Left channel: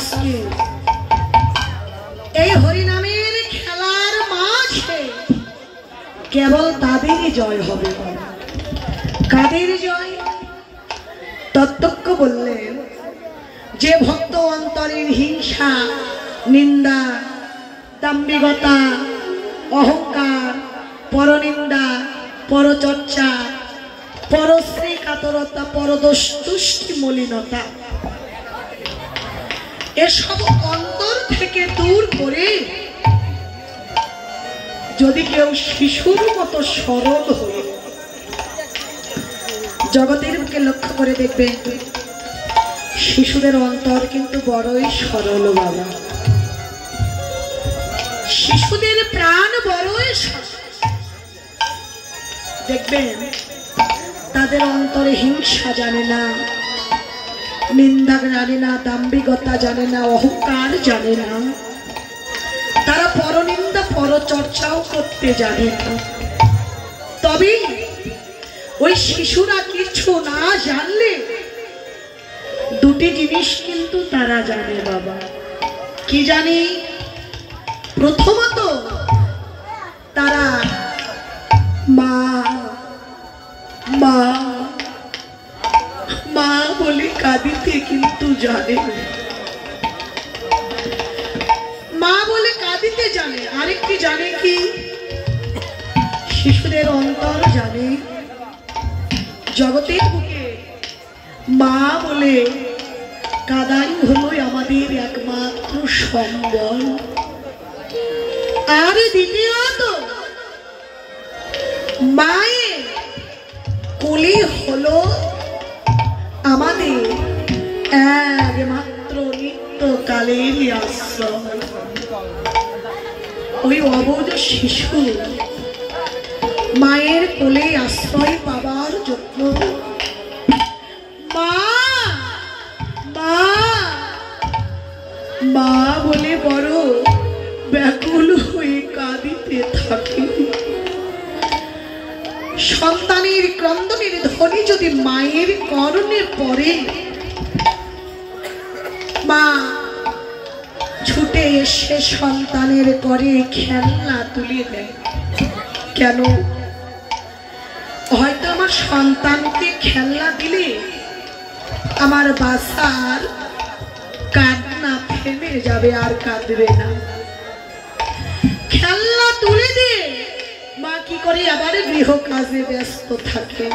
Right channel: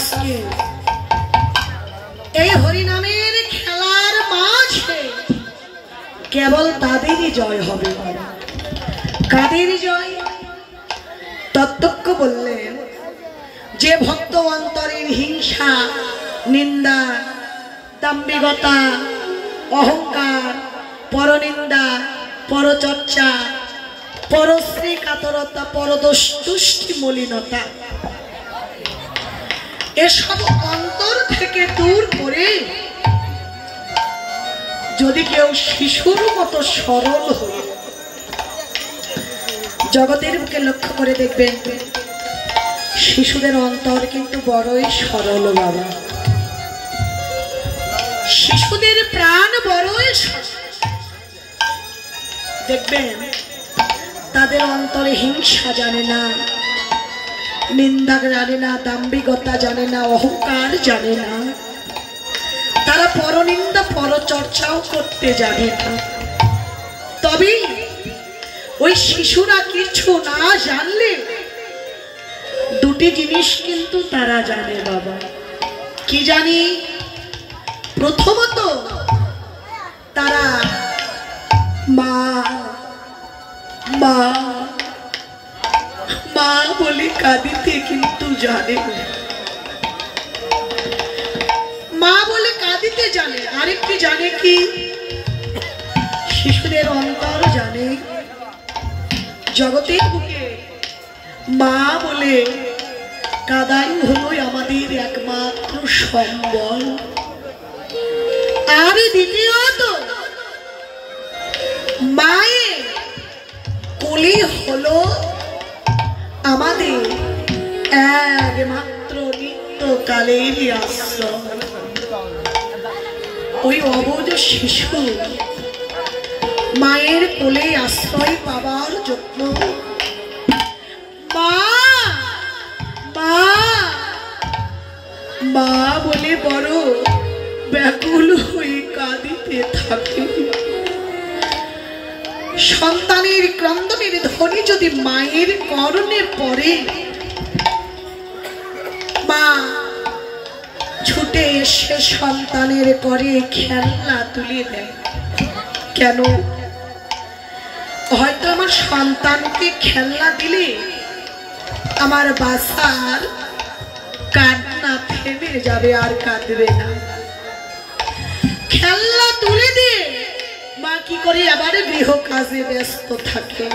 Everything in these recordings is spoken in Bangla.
আজকে এই হরিনামের খেলার মাঝে কেবল তাদেরই জয় হবে। কাদের জয়? তত্ত্বজ্ঞ বললেন যে ভক্ত অন্তরের হিংসা, নিন্দা, দাম্ভিকতা, অহংকার, পরনিন্দা, পরচর্চা, পরশ্রী কাতরতা, পরদুষ্টি মলিনতা এসব অন্তর থেকে দূর করে যদি কেউ শিশুর মতো সরল হয়ে জগতের বুকে লক্ষ্য করে দেখবেন, শিশুদের অন্তর কিন্তু বড়ই সরল বাবা। শিশুদের প্রাণ বড়ই দেখবেন, তাদের অন্তরে হিংসা জানে না, নিন্দা জানে না, দাম্ভিকতা জানে না, অহংকার জানে না, তারা পরনিন্দা পরচর্চাও করতে জানে না। তবে ওই শিশুরা কিছু না জানলে দুটি জিনিস কিন্তু তারা জানে বাবা। কি জানি? প্রথমত তারা মা মা মা বলে কাঁদিতে কিন্তু জানে, মা বলে কাঁদিতে জানে। আরেকটি জানে কি? শিশুদের অন্তর জানে জগতের বুকে মা বলে কাদাই হলো আমাদের একমাত্র সম্বল। আর দ্বিতীয়ত মায়ের কোলে হলো আমাদের একমাত্র নিত্যকালের আশ্রয়। ওই অবুঝ শিশু মায়ের কোলে আশ্রয় পাবার জন্য মা মা মা বলে বড় ব্যাকুল হয়ে কাঁদিতে থাকে। সন্তানের ক্রন্দনের ধ্বনি যদি মায়ের কর্ণে পড়ে, মা ছুটে এসে সন্তানের করে খেলনা তুলে দেয়। কেন? হয়তো আমার সন্তানকে খেলনা দিলে আমার বাসার কান্না থেমে যাবে, আর কাঁদবে না। খেলনা তুলে দিয়ে মা কি করে আবার গৃহ কাজে ব্যস্ত থাকে।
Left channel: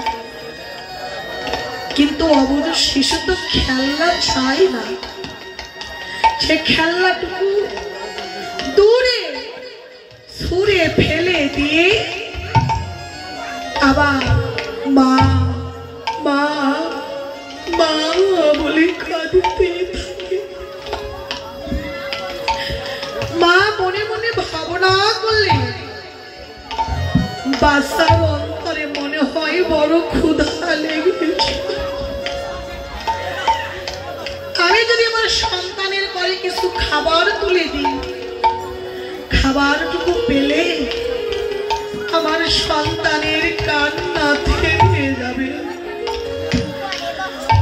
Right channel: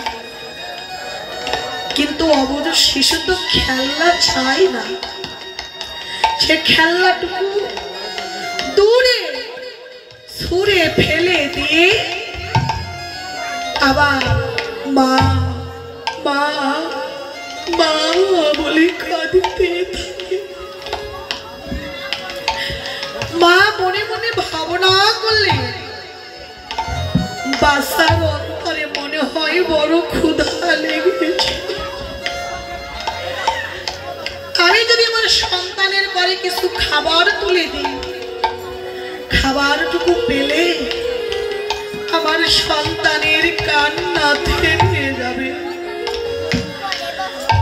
কিন্তু অবুঝ শিশু তো খেলনা চাই না, সে খেলনাটুকু দূরে ছুঁড়ে ফেলে দিয়ে আবার মা মা মা বলে কাঁদিতে থাকে। মা মনে মনে ভাবনা করলে বাচ্চার অন্তরে মনে হয় বড় ক্ষুধা লেগেছে। আমি যদি আমার সন্তানের করে কিছু খাবার তুলে দিই, খাবারটুকু পেলে আমার সন্তানের কান্না থেমে যাবে।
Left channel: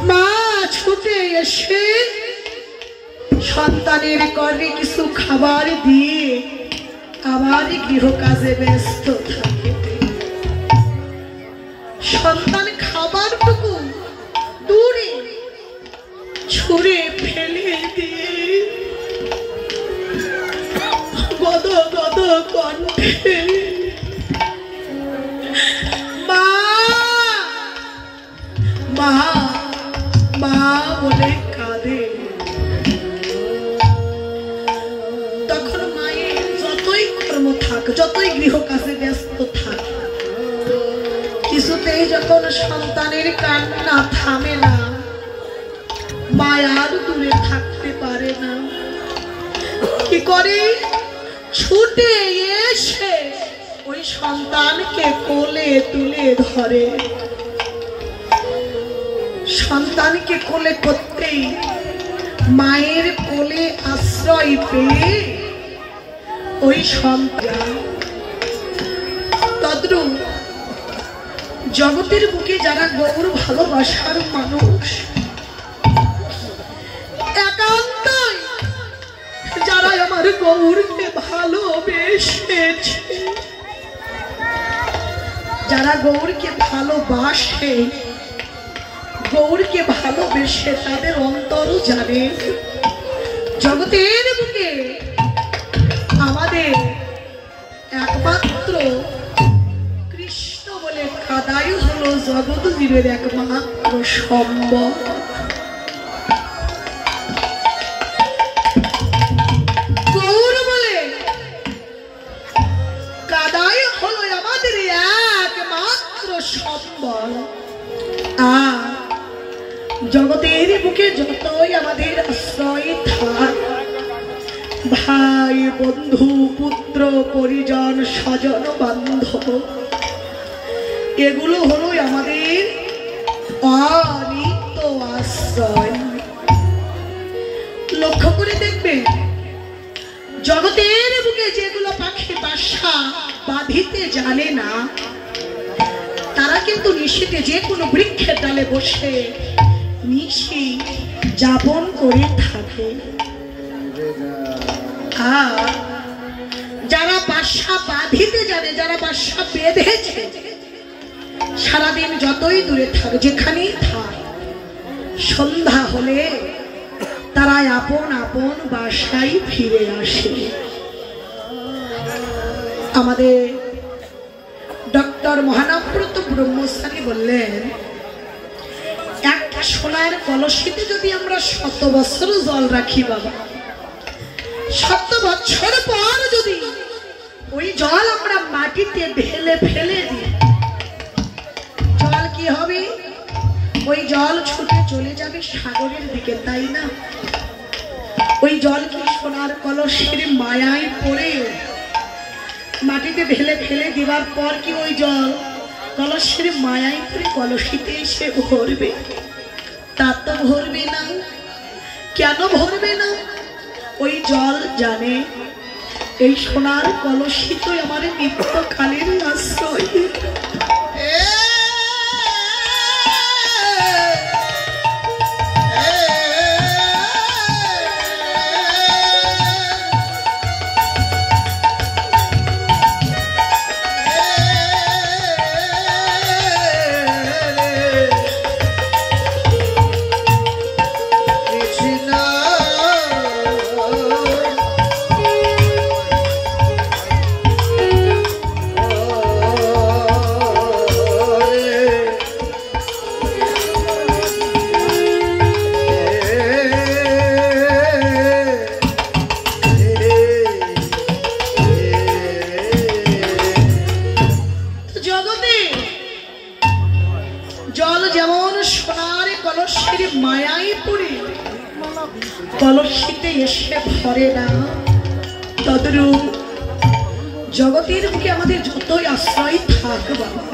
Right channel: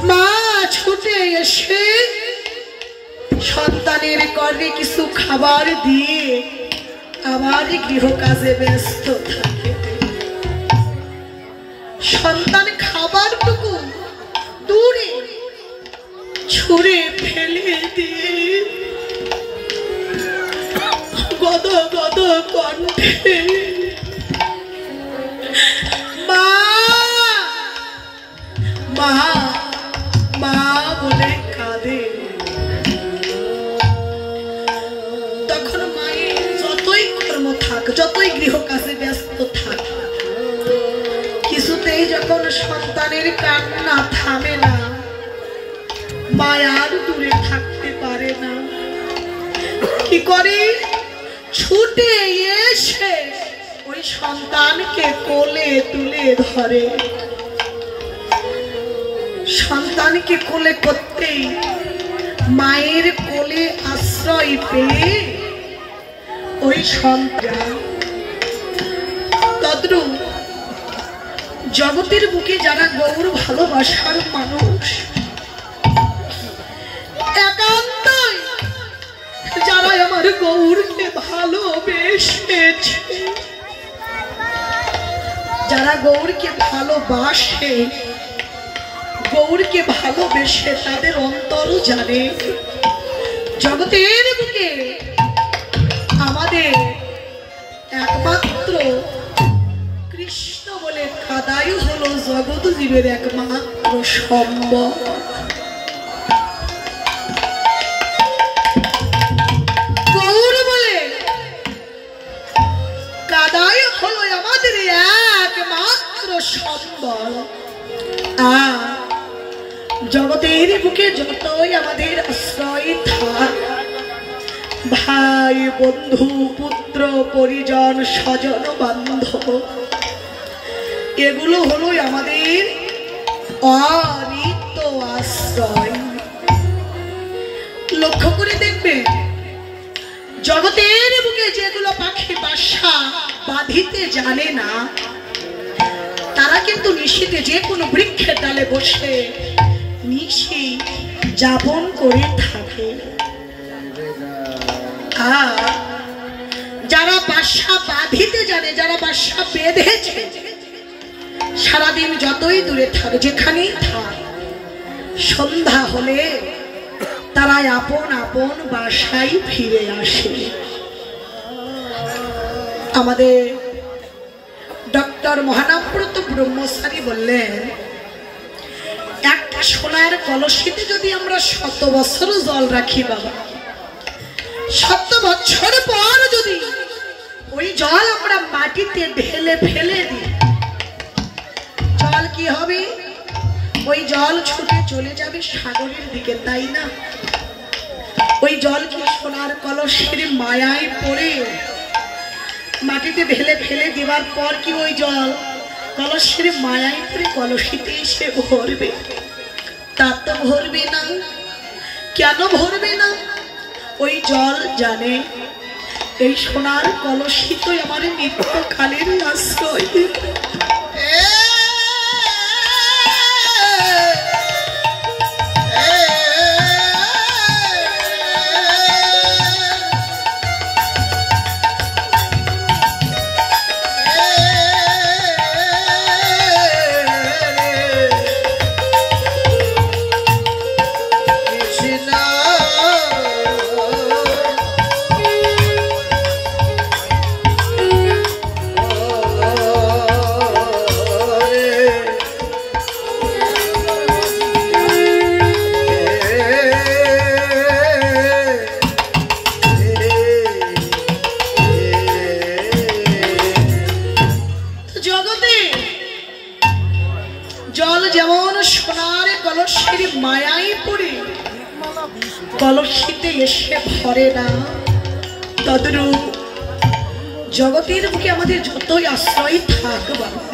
মা ছুটে এসে সন্তানের করে কিছু খাবার দিয়ে আবার গৃহ কাজে ব্যস্ত থাকে। সন্তান খাবারটুকু দূরে ছুঁড়ে ফেলে দিয়ে গদ গদ কণ্ঠে মা মা মা বলে কাঁদে। তখন মায়ের যতই কর্ম থাক, যতই গৃহ কাজে ব্যস্ত থাক, কিছুতেই যখন সন্তানের কান্না থামে না, মায়ার দূরে থাকতে পারে না। কি করে? ছুটে এসে ওই সন্তানকে কোলে তুলে ধরে। সন্তানকে কোলে করতেই মায়ের কোলে আশ্রয় পেয়ে ওই সন্তান তদ্রূপ জগতের বুকে যারা গৌর ভালোবাসার মানুষ, একান্তই গৌরকে ভালোবেসেছে, যারা গৌরকে ভালোবাসে, গৌরকে ভালোবেসে তাদের অন্তর জানে জগতের বুকে আমাদের একমাত্র কৃষ্ণ বলে কাদাই হলো জগৎ জীবের একমাত্র সম্বল। গৌর বলে কাদাই হলো আমাদের একমাত্র সম্বল। আর জগতের বুকে যতই আমাদের আশ্রয় থাক, ভাই বন্ধু পুত্র পরিজন স্বজন বান্ধব, এগুলো হলো আমাদের অনিত্য আশ্রয়। লক্ষ্য করে দেখবে জগতের বুকে যেগুলো পাখি বাসা বাঁধিতে জানে না, তারা কিন্তু নিশীতে যে কোনো বৃক্ষের ডালে বসে নিশি যাপন করে থাকে। আর যারা বাসা বাঁধিতে জানে, যারা বাসা বেঁধেছে, সারাদিন যতই দূরে থাক, যেখানেই থাক, সন্ধ্যা হলে তারা আপন আপন বাসায় ফিরে আসে। আমাদের ডক্টর মহানাব্রত ব্রহ্মচারী বললেন, একটা সোনার কলসিতে যদি আমরা 100 বছর জল রাখি বাবা, 100 বছর পর যদি ওই জল আমরা মাটিতে ঢেলে ফেলে দিই, জল কি হবে? ওই জল ছুটে চলে যাবে সাগরের দিকে, তাই না? ওই জল কি সোনার কলসির মায়ায় পড়ে মাটিতে ঢেলে ফেলে দেওয়ার পর কি ওই জল কলসির মায়ায় পড়ে কলসিতে এসে ভরবে? তা তো ভরবে না। কেন ভরবে না? ওই জল জানে এই সোনার কলসি তো আমার নিত্যকালের আশ্রয়। কলসিতে এসে ভরে না, তদ্রূপ জগতের বুকে আমাদের যতই আশ্রয় থাক বাবা,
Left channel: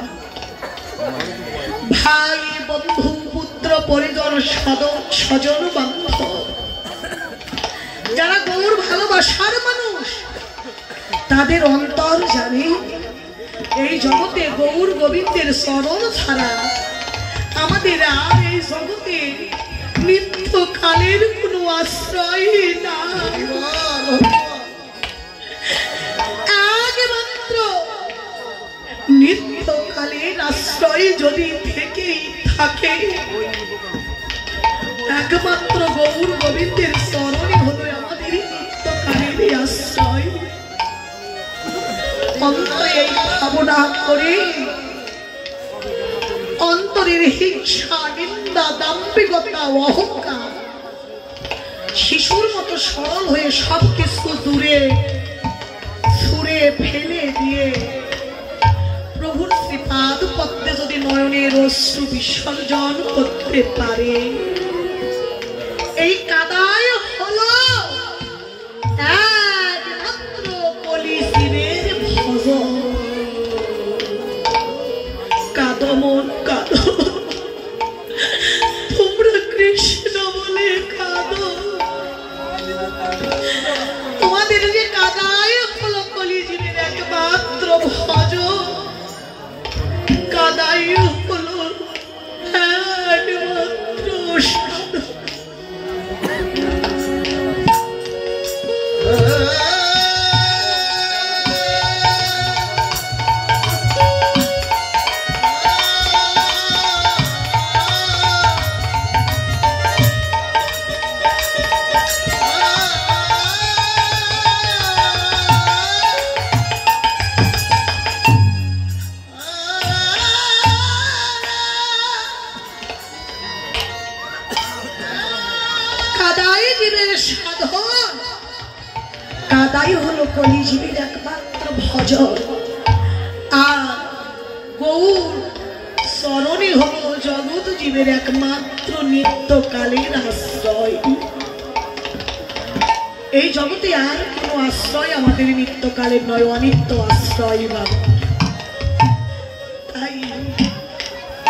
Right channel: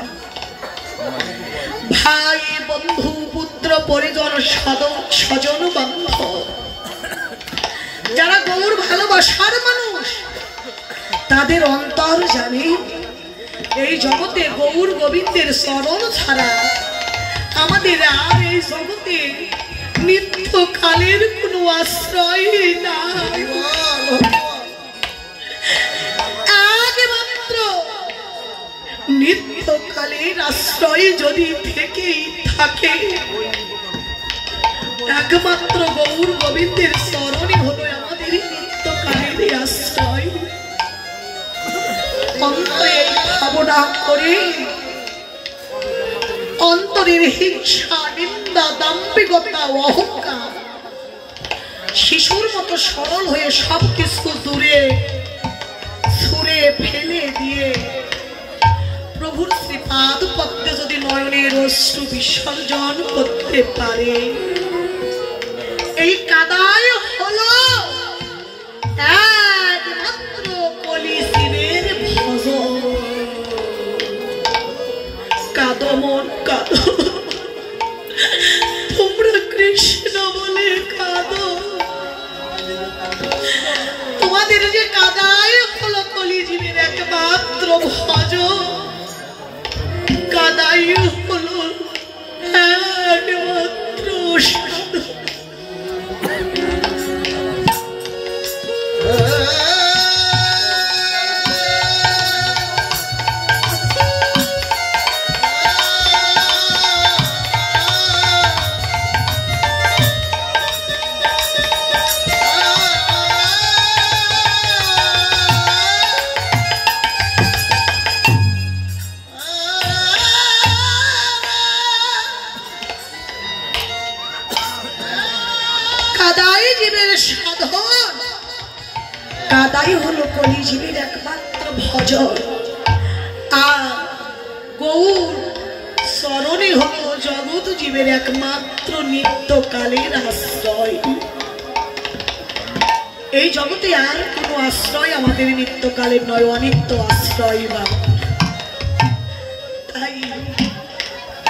ভাই বন্ধু পুত্র পরিজন স্বজন বান্ধব, যারা গৌর ভালোবাসার মানুষ, তাদের অন্তর জানে এই জগতে গৌর গোবিন্দের চরণ ছাড়া আমাদের আর এই জগতে নিত্যকালের কোনো আশ্রয় নাই। একমাত্র নিত্যকালের আশ্রয় যদি থেকেই থাকে, একমাত্র গৌর গোবিন্দের চরণে হলো আমাদের নিত্যকালের আশ্রয়। অন্তরে ভাবনা করে অন্তরের হিংসা নিন্দা দাম্ভিকতা অহংকার শিশুর মতো সরল হয়ে সবকিছু দূরে ছুঁড়ে ফেলে দিয়ে প্রভুর শ্রীপাদ পদ্মে যদি নয়নের অশ্রু বিসর্জন করতে পারে, এই কাদায় হলো একমাত্র কলিজীবের ভজন। কাঁদো মন কাঁদো, তোমরা কৃষ্ণ বলে কাঁদো, তোমাদের যে কাদায় হলো কলিজীবের একমাত্র ভজন, কাদাই হলো একমাত্র সাধন। কলিজীবীর একমাত্র ভজন আর গৌর চরণে হল জগৎ জীবের একমাত্র নিত্যকালের আশ্রয়। এই জগতে আর কোনো আশ্রয় আমাদের নিত্যকালের নয়, অনিত্য আশ্রয়। তাই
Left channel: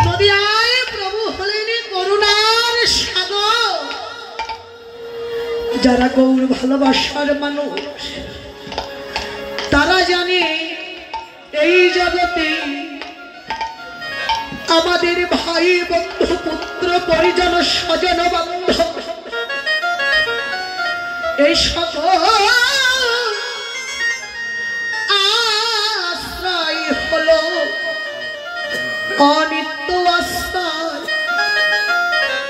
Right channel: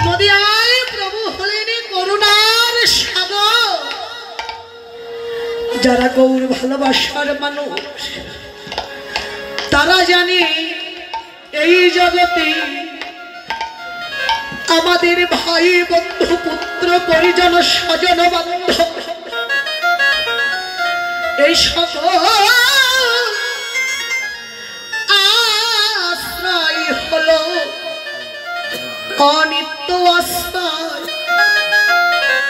যদি আয় প্রভু হলেন করুণার সাগর, যারা গৌর ভালোবাসার মানুষ তারা জানে এই জগতে আমাদের ভাই বন্ধু পুত্র পরিজন স্বজন বান্ধব এই সকল আশ্রয় হলো অনিত্য আশ্রয়।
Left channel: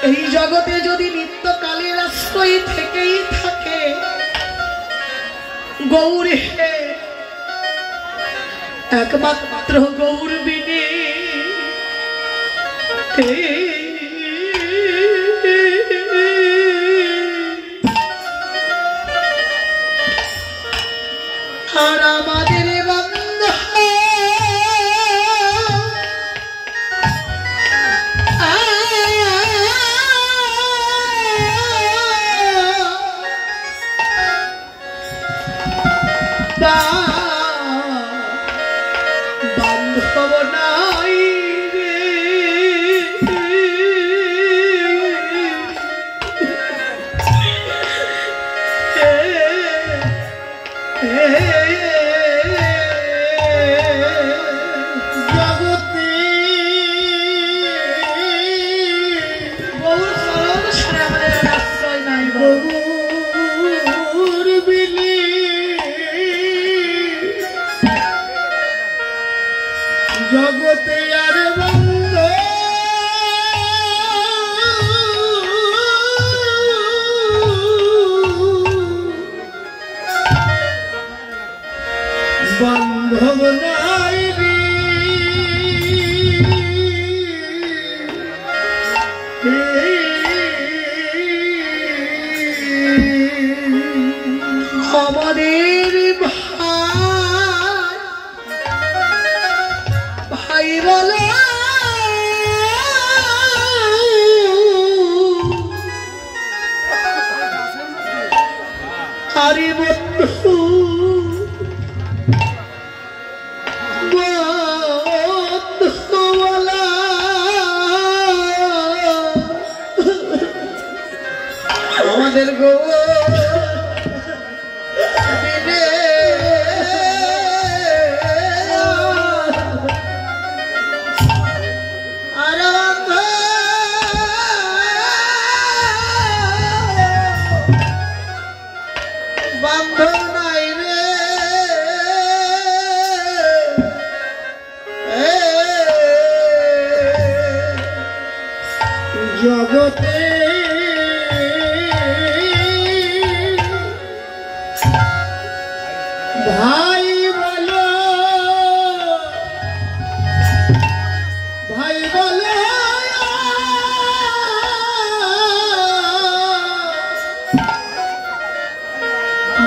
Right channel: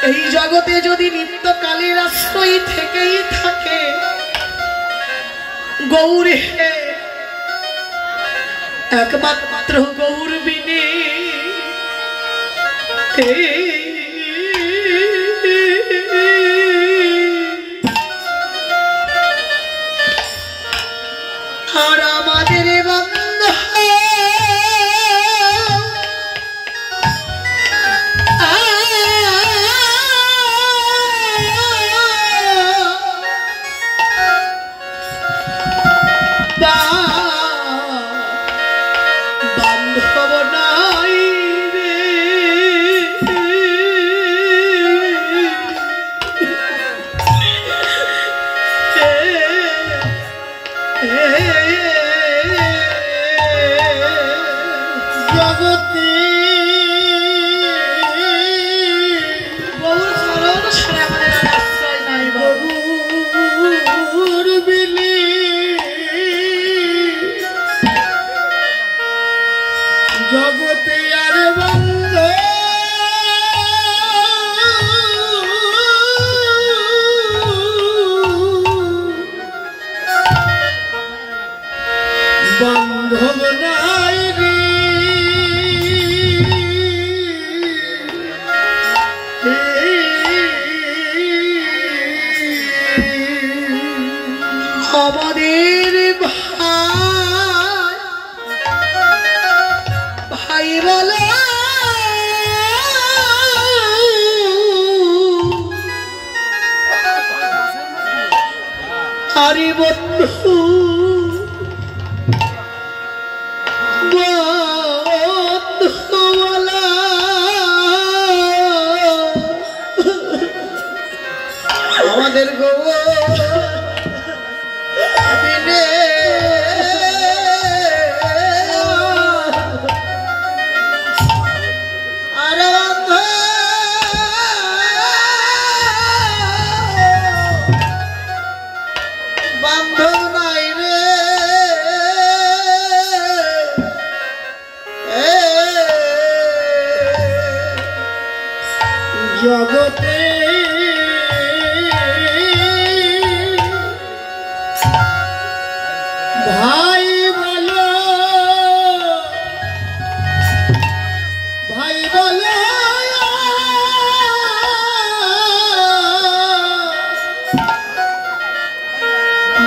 এই জগতে যদি নিত্যকালের আশ্রয় থেকেই থাকে, গৌরে একমাত্র গৌর বিনে আর আমাদের বন্ধু বান্ধব নাই রে, জগতে আর বন্ধ বান্ধব নাই রে, আমাদের ভাই বলে আরে বন্ধু আমাদের গো জগতে ভাই বলো ভাই বলো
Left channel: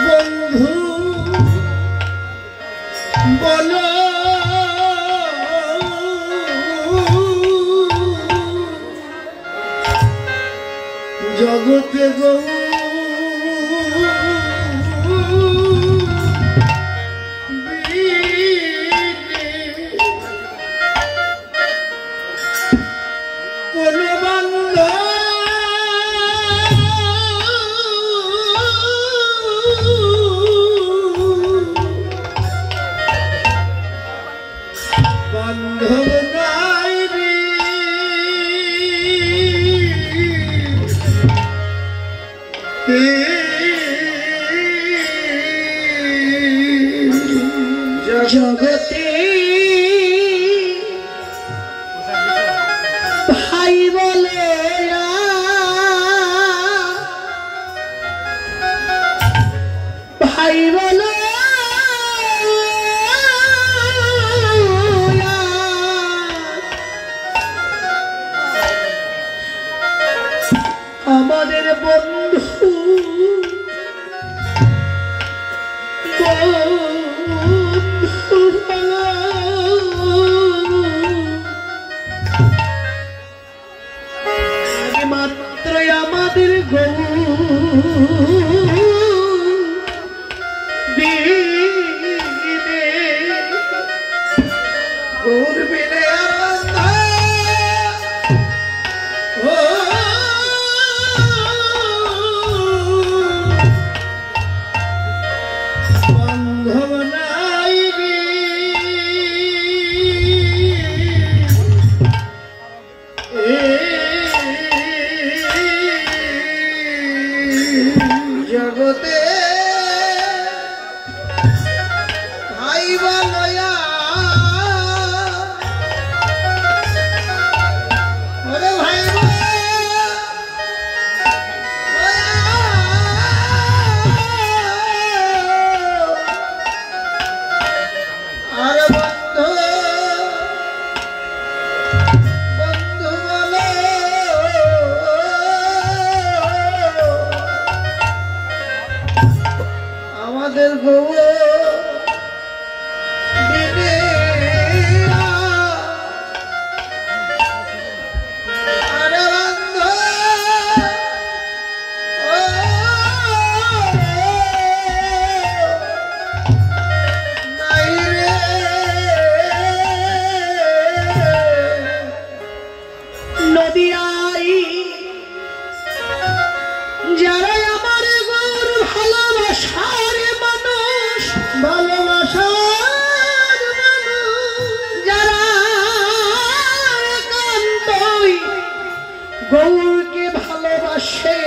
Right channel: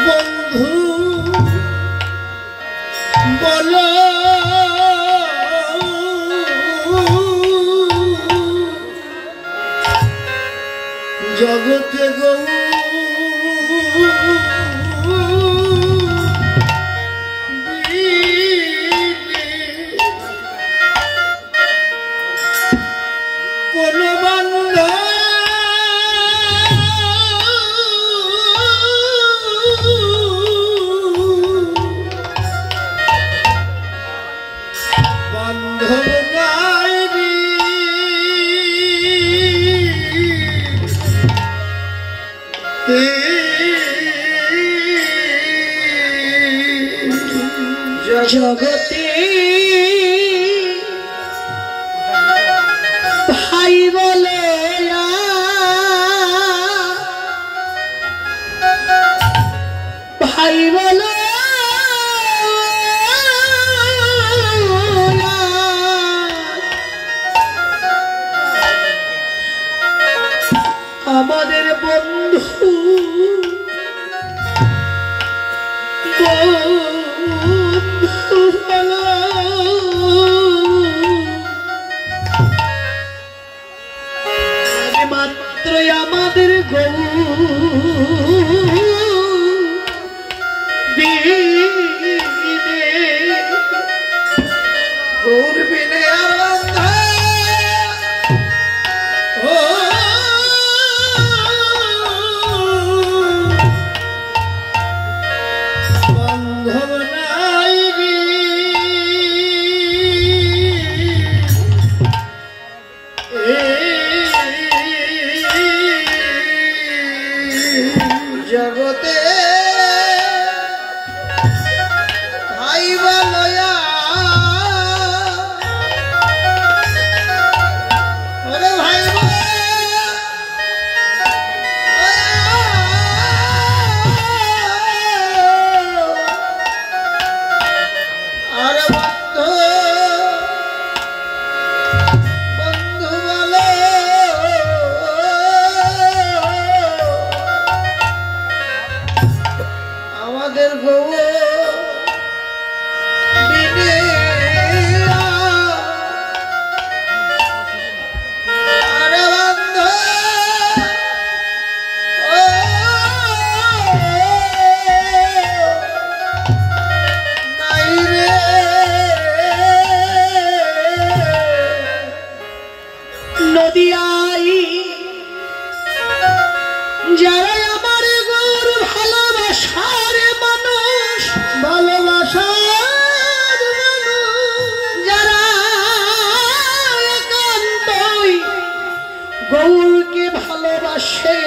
বন্ধু বলো জগতে গো কোন বন্ধ বান্ধব নাই রে, জগতে ভাই বলে ভাই বলে আমাদের বন্ধু আমাদের গৌ গৌরকে ভালোবাসে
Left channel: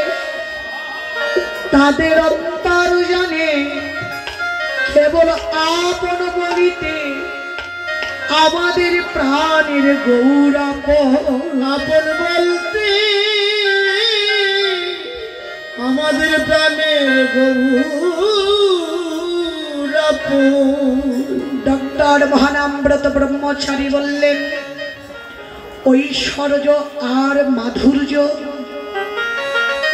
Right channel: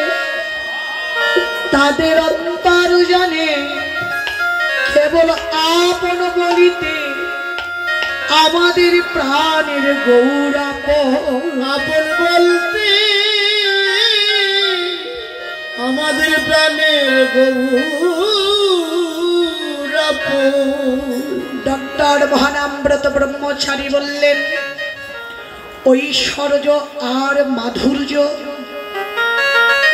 তাদের অন্তর জানে কেবল আপন বলিতে আমাদের প্রাণের গৌরাপন আপন বলতে আমাদের প্রাণের গৌরাপন। ডক্টর মহানামব্রত ব্রহ্মচারী বললেন ঐশ্বর্য আর মাধুর্য,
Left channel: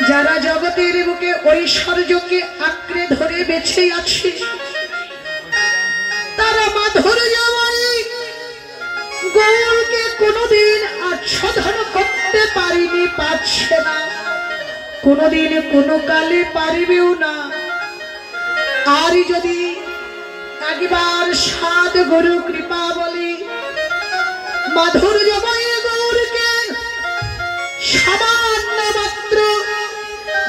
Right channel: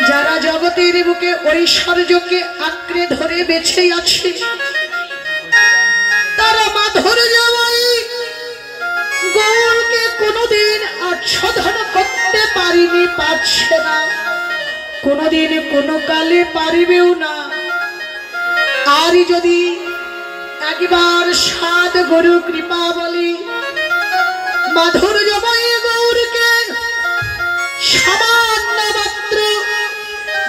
যারা জগতের বুকে ঐশ্বর্যকে আঁকড়ে ধরে বেঁচে আছে তারা মাধুর্যময়ী গৌরকে কোনোদিন আচ্ছাদন করতে পারেনি, পারছে না, কোনোদিন কোনো কালে পারিবেও না। আর যদি একবার সাধ গুরু কৃপা বলি মাধুর্যময়ী গৌরকে সামান্য মাত্র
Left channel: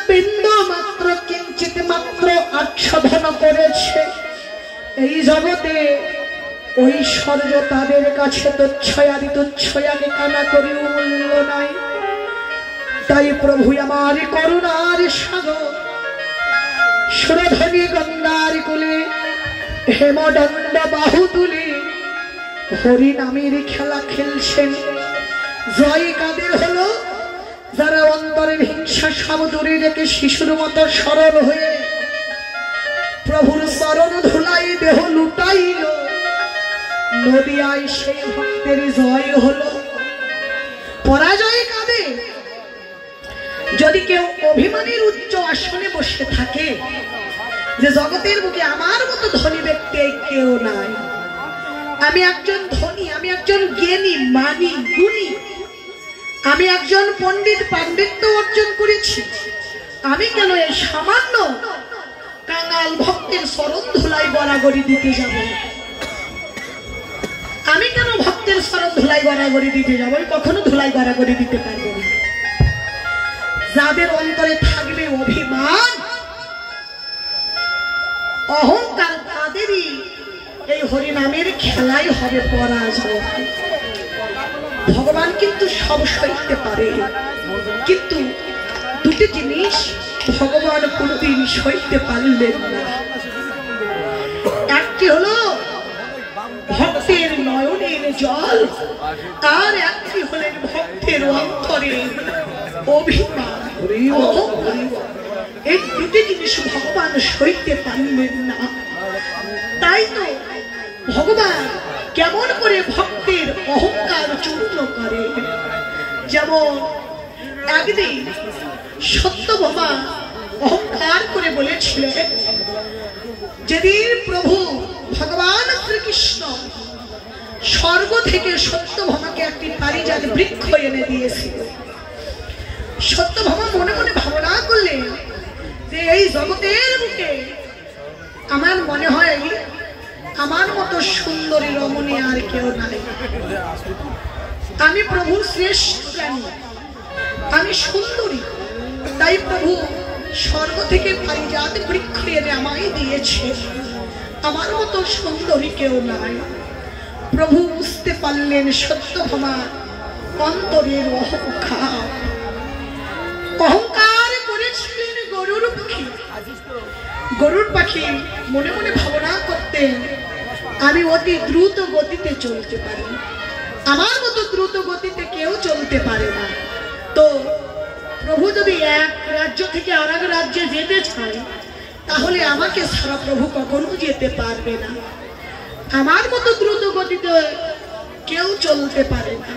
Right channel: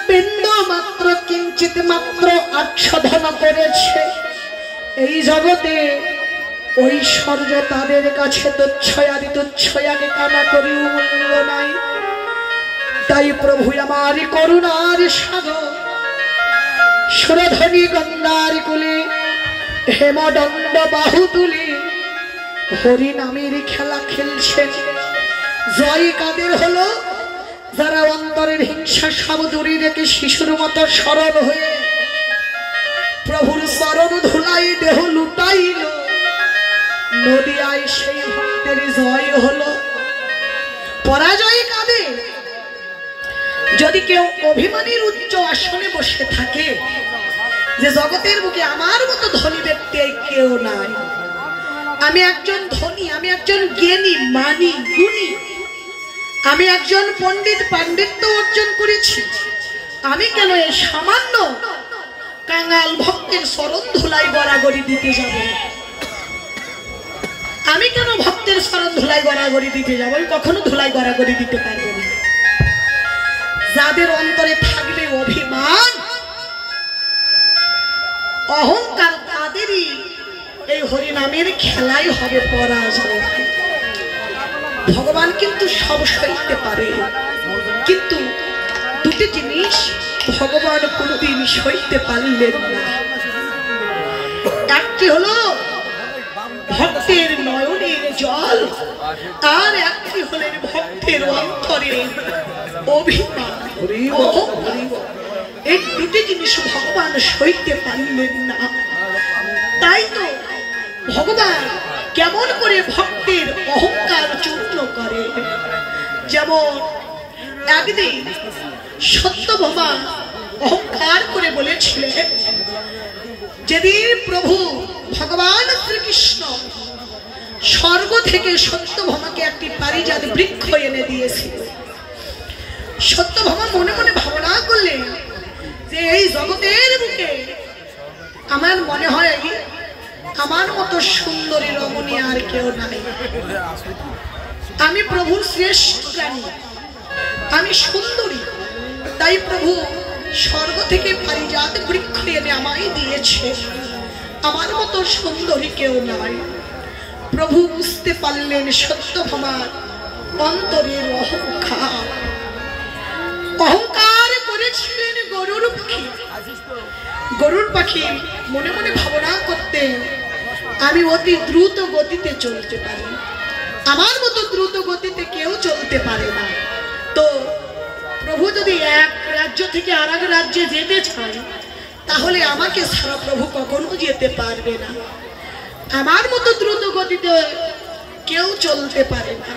বিন্দু মাত্র কিঞ্চিত মাত্র আচ্ছাদন করেছে, এই জগতে ঐশ্বর্য তাদের কাছে তুচ্ছয়াদি তুচ্ছয়াকে কানা করেও মূল্য নাই। তাই প্রভু আমার করুণার সাগর সুরধনী গন্ধার কুলে হেমদণ্ড বাহু তুলে হরি নামের খেলা খেলছেন। জয় কাদের হলো? যারা অন্তরের হিংসা সব দূরে রেখে শিশুর মতো সরল হয়ে প্রভুর চরণ ধুলাই দেহ লুটাইল, নদিয়ায় সেই ভক্তের জয় হলো। পরাজয় কাদের? যদি কেউ অভিমানের উচ্চ আসনে বসে থাকে যে জগতের বুকে আমার মতো ধনী ব্যক্তি কেউ নাই, আমি একজন ধনী, আমি একজন জ্ঞানী মানি গুণী, আমি একজন পণ্ডিত পাণ্ডিত্য অর্জন করেছি, আমি কেন এই সামান্য কাঙাল ভক্তের চরণ ধুলাই গড়াগড়ি দিতে যাব? আমি কেন ভক্তের চরণ ধুলাই গড়াগড়ি দিতে যাব? আমি কখনো ধুলাই গড়াগড়ি দিতে পারবো না। যাদের অন্তরে থাকবে অভিমান অহংকার, তাদেরই এই হরিনামের খেলাই হবে পরাজয়। ভগবান কিন্তু সব সইতে পারে, কিন্তু দুটি জিনিস ভগবান কোনদিন সইতে পারলেন না। একটি হলো ভক্তের নয়নের জল, আর একটি হলেন ভক্তের অন্তরের অভিমান। এই দুটি জিনিস ভগবান সইতে পারলেন না। তাই তো ভগবান কেমন করে ভক্তের অহংকার চূর্ণ করে। যেমন একদিন সত্যভামা অহংকার করে বলেছিলেন, যেদিন প্রভু ভগবান শ্রীকৃষ্ণ স্বর্গ থেকে সত্যভামাকে একটি পারিজাত বৃক্ষ এনে দিয়েছিল, সত্যভামা মনে মনে ভাবনা করলেন যে এই জগতের বুকে আমার মনে হয় আমার মতো সুন্দরী রমণী আর কেউ নাই, আমি প্রভুর শ্রেষ্ঠ জ্ঞানী, আমি সুন্দরী, তাই প্রভু স্বর্গ থেকে পারিজাত বৃক্ষ এনে আমায় দিয়েছে, আমার মতো সুন্দরী কেউ নাই। প্রভু বুঝতে পারলেন সত্যভামার অন্তরের অহংকার। অহংকার করেছিলেন গরুর পাখি। গরুর পাখি মনে মনে ভাবনা করতেন, আমি অতি দ্রুত গতিতে চলতে পারি, আমার মতো দ্রুত গতিতে কেউ চলতে পারে না। তো প্রভু যদি এক রাজ্য থেকে আর এক রাজ্যে যেতে চান, তাহলে আমাকে ছাড়া প্রভু কখনো যেতে পারবে না, আমার মতো দ্রুত গতিতে কেউ চলতে পারে না।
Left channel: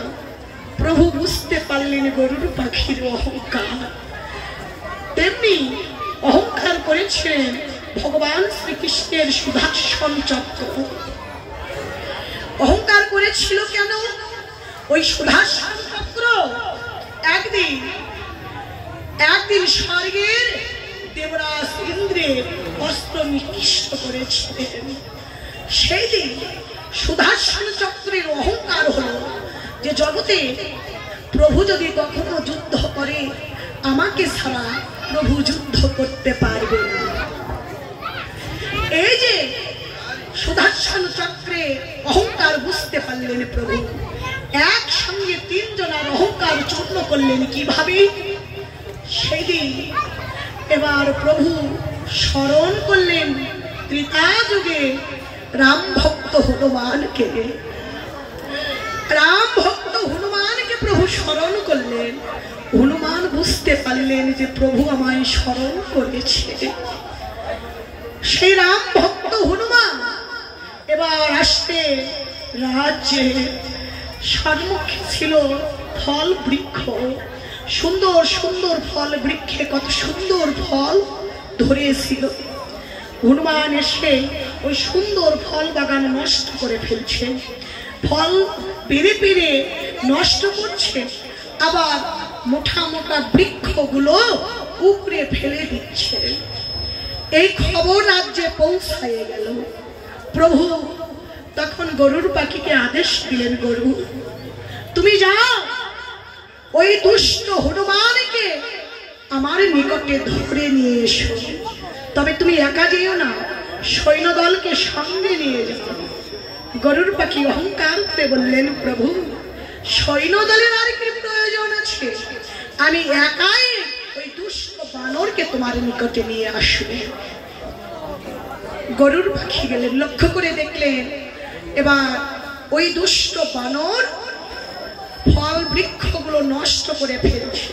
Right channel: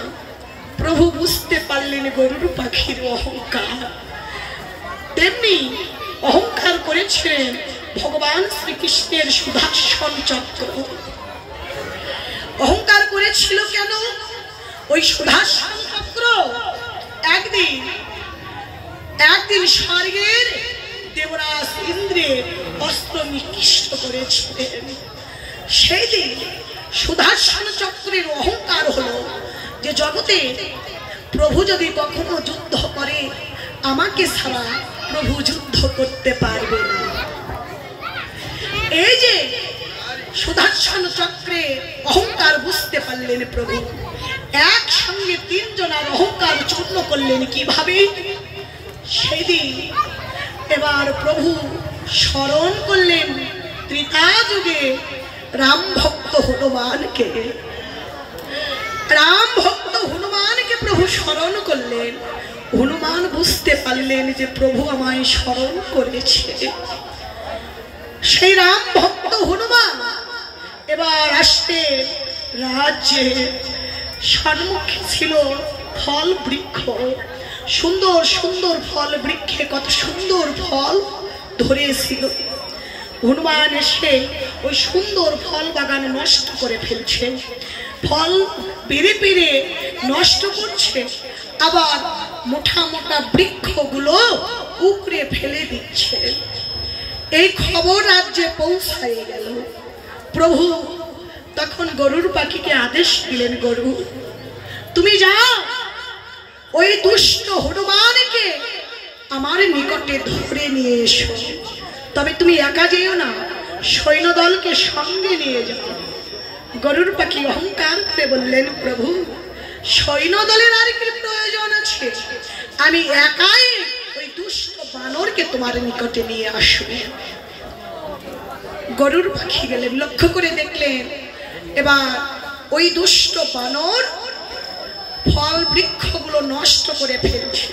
প্রভু বুঝতে পারলেন গরুর পাখির অহংকার। তেমনি অহংকার করেছিলেন ভগবান শ্রীকৃষ্ণের সুদর্শন চক্র। অহংকার করেছিল কেন? ওই সুদর্শন চক্র একদিন স্বর্গের দেবরাজ ইন্দ্রের অস্ত্র নিকৃষ্ট করেছিলেন। সেই দিন সুদর্শন চক্রের অহংকার হলো যে জগতে প্রভু যদি কখনো যুদ্ধ করে আমাকে ছাড়া প্রভু যুদ্ধ করতে পারবে না। এই যে সুদর্শন চক্রে অহংকার বুঝতে পারলেন প্রভু, একসঙ্গে তিনজনের অহংকার চূর্ণ করলেন কিভাবে? সেদিন এবার প্রভু স্মরণ করলেন ত্রেতা যুগে রাম ভক্ত হনুমানকে। রাম ভক্ত হনুমানকে প্রভু স্মরণ করলেন। হনুমান বুঝতে পারলেন যে প্রভু আমায় স্মরণ করেছে। সেই রাম ভক্ত হনুমান এবার আসতে রাজ্যে সম্মুখে ছিল ফল বৃক্ষ, সুন্দর সুন্দর ফল বৃক্ষে কত সুন্দর ফল ধরেছিল। হনুমান এসে ওই সুন্দর ফল বাগান নষ্ট করে ফেলছে, ফল পেরে পেরে নষ্ট করছে, আবার মোটা মোটা বৃক্ষগুলো উপড়ে ফেলে দিচ্ছে। এই খবর রাজ্যে পৌঁছায় গেল। প্রভু তখন গরুর পাখিকে আদেশ দিলেন, গরু তুমি যাও ওই দুষ্ট হনুমানকে আমার নিকটে ধরে নিয়ে এসো, তবে তুমি একা যেও না, সৈন্যদলকে সঙ্গে নিয়ে যাও। গরুর পাখি অহংকার করে বললেন, প্রভু সৈন্যদলের আর কি প্রয়োজন আছে, আমি একাই ওই দুষ্ট বানরকে তোমার নিকটে নিয়ে আসবে। গরুর পাখি গেলেন, লক্ষ্য করে দেখলেন এবার ওই দুষ্ট বানর ফল বৃক্ষগুলো নষ্ট করে ফেলছে।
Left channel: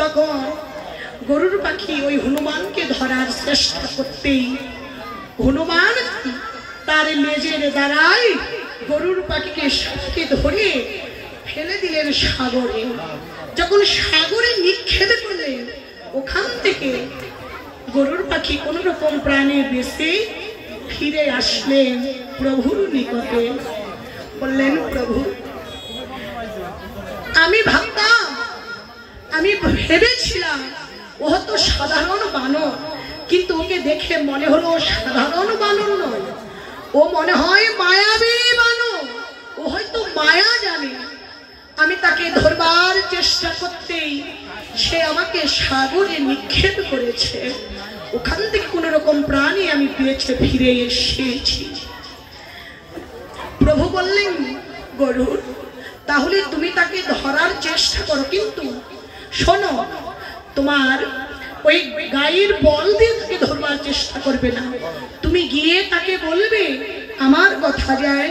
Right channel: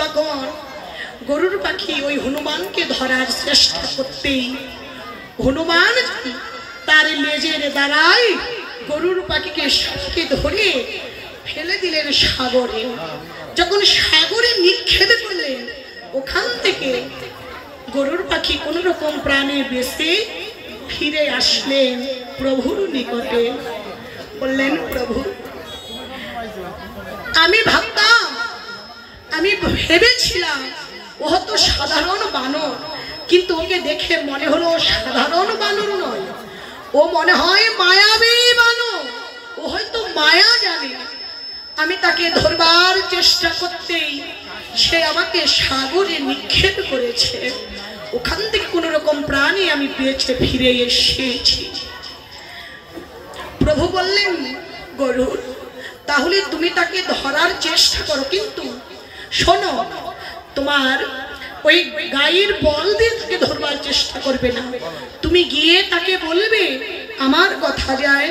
তখন গরুর পাখি ওই হনুমানকে ধরার চেষ্টা করতেই হনুমান তার লেজের দ্বারাই গরুর পাখিকে সাথে ধরে ফেলে দিলেন সাগরে। যখন সাগরে নিক্ষেপ করলেন, ওখান থেকে গরুর পাখি কোন রকম প্রাণে বেঁচে ফিরে আসলেন প্রভুর নিকটে। বললেন, প্রভু আমি ভাবতাম, আমি ভেবেছিলাম ও তো সাধারণ বানর, কিন্তু ওকে দেখে মনে হলো সাধারণ বানর নয়, ও মনে হয় মায়াবী বানর, ও হয়তো মায়া জানে। আমি তাকে ধরবার চেষ্টা করতেই সে আমাকে সাগরে নিক্ষেপ করেছে, ওখান থেকে কোন রকম প্রাণী আমি পেয়েছে ফিরে এসেছি। প্রভু বললেন, গরুর তাহলে তুমি তাকে ধরার চেষ্টা করো, কিন্তু শোনো তোমার ওই গায়ের বল দিয়ে তাকে ধরবার চেষ্টা করবে না, তুমি গিয়ে তাকে বলবে আমার কথা যায়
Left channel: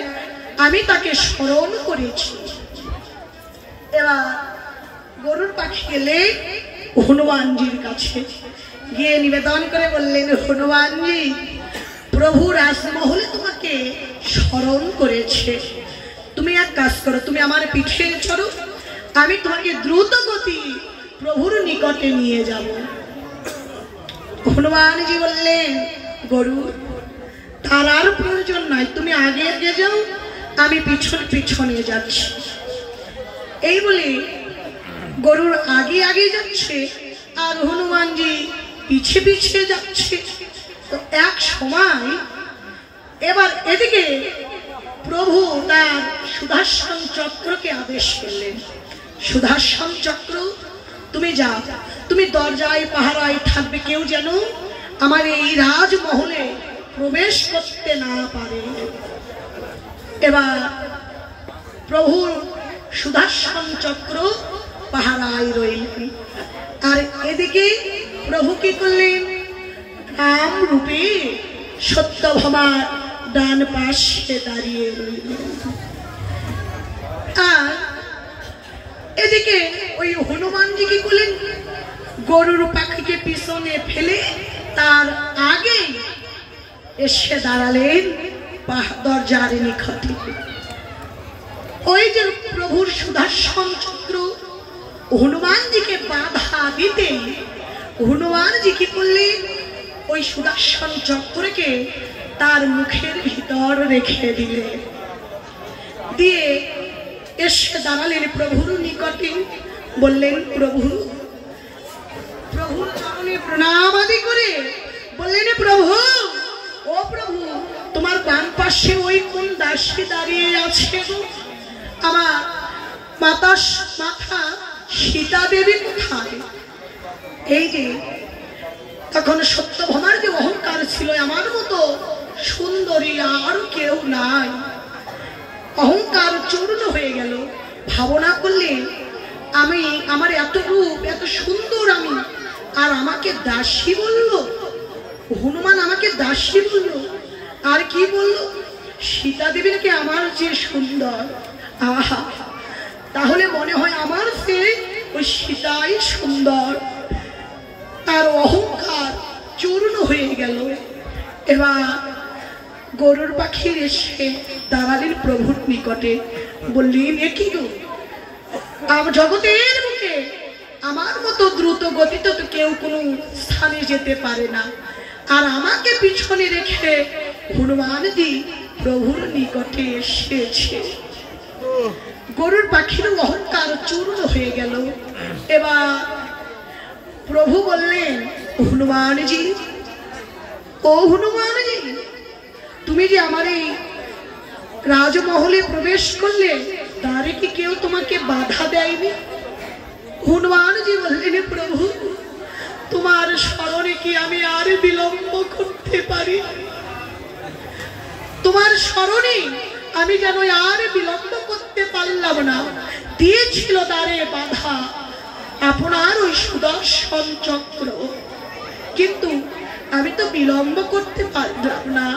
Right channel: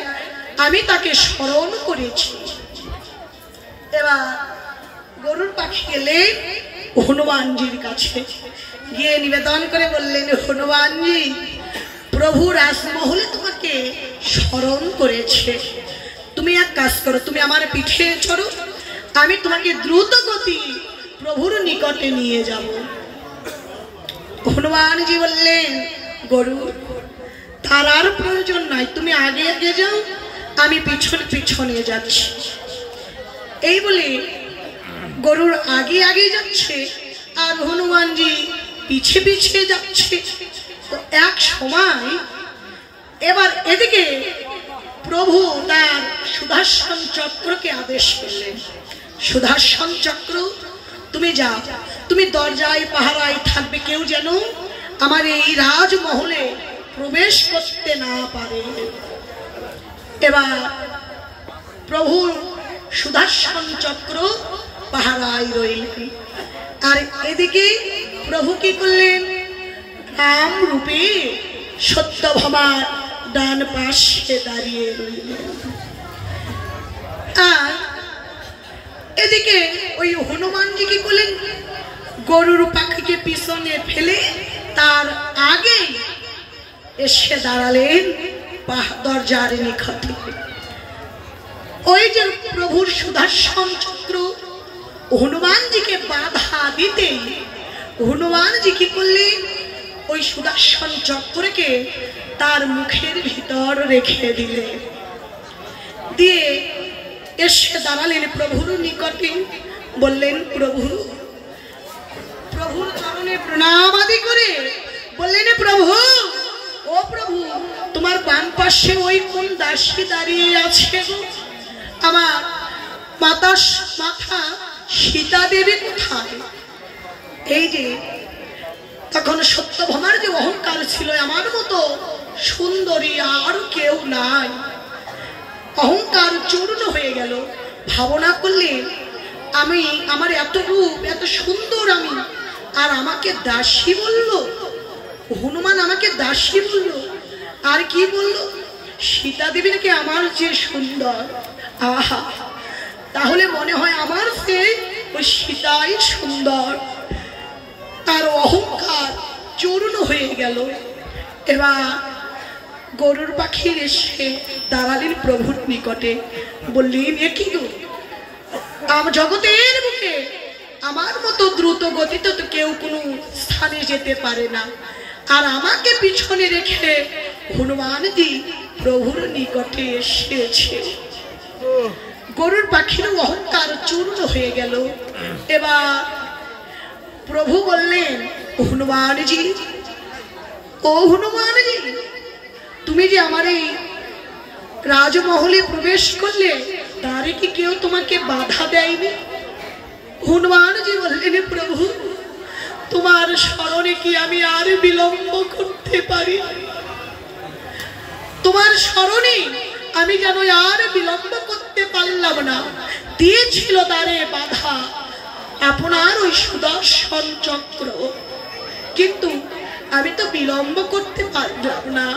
আমি তাকে স্মরণ করেছি। এবার গরুর পাখি গেলে হনুমানজির কাছে গিয়ে নিবেদন করে বললেন, হনুমানজি প্রভু রাজমহলে তোমাকে স্মরণ করেছে, তুমি এক কাজ করো, তুমি আমার পিঠে চড়ো, আমি তোমাকে দ্রুত গতি প্রভুর নিকটে নিয়ে যাব। হনুমানজি বললেন, গরু তার আর প্রয়োজন নাই, তুমি আগে আগে যাও, আমি পিছনে পিছনে যাচ্ছি। এই বলে গরুর আগে আগে যাচ্ছে আর হনুমানজি পিছে পিছে যাচ্ছে। তো এক সময় এবার এদিকে প্রভু তার সুদর্শন চক্রকে আদেশ করলেন, সুদর্শন চক্র তুমি যাও, তুমি দরজায় পাহারায় থাকবে, কেউ যেন আমার এই রাজমহলে প্রবেশ করতে না পারে। এবার প্রভু সুদর্শন চক্র পাহারায় রইলেন, আর এদিকে প্রভু কি করলেন, রাম রূপে সত্যভামার ডান পাশে দাঁড়িয়ে রইলেন। আর এদিকে ওই হনুমানজি কি করলেন, গরুর পাখিকে পিছনে ফেলে তার আগে এসে দাঁড়ালেন দরজার নিকটে। ওই যে প্রভুর সুদর্শন চক্র হনুমানজিকে বাধা দিতে হনুমানজি কি করলেন, ওই সুদর্শন চক্রকে তার মুখের ভিতর রেখে দিলেন। দিয়ে এসে দাঁড়ালেন প্রভুর নিকটে, বললেন প্রভু, প্রভুর চরণে প্রণাম আদি করে বললেন, প্রভু, ও প্রভু, তোমার বাম পাশে ওই কোন দাসী দাঁড়িয়ে আছে গো? আমার মাথা সীতা দেবী কোথায়? এই যে তখন সত্যভামার যে অহংকার ছিল, আমার মতো সুন্দরী আর কেউ নাই, অহংকার চূর্ণ হয়ে গেল। ভাবনা করলে আমি, আমার এত রূপ এত সুন্দর আমি, আর আমাকে দাসী বললো, হনুমান আমাকে দাসী বললো, আর কি বললো, সীতা দেবী নাকি আমার যে সুন্দর। আহা, তাহলে মনে হয় আমার সে ওই সীতাই সুন্দর। তার অহংকার চূর্ণ হয়ে গেল। এবার গরুর পাখি এসে দাঁড়ালেন প্রভুর নিকটে, বললেন, এ কি গো, জগতের মুখে আমার মতো দ্রুত গতিতে তো কেউ কোনো স্থানে যেতে পারে না, আর আমাকে পিছনে রেখে হনুমানজি প্রভুর নিকটে এসেছে। গরুর পাখির অহংকার চূর্ণ হয়ে গেল। এবার প্রভু বললেন, হনুমানজি, ও হনুমানজি, তুমি যে আমার এই রাজমহলে প্রবেশ করলে, দ্বারে কি কেউ তোমাকে বাধা দেয়নি? হনুমানজি বললেন, প্রভু, তোমার স্মরণে কি আমি আর বিলম্ব করতে পারি? তোমার স্মরণে আমি যেন আর বিলম্ব করতে পারলাম না। দিয়েছিল দ্বারে বাধা আপনার ওই সুদর্শন চক্র, কিন্তু আমি তো বিলম্ব করতে পারলাম না,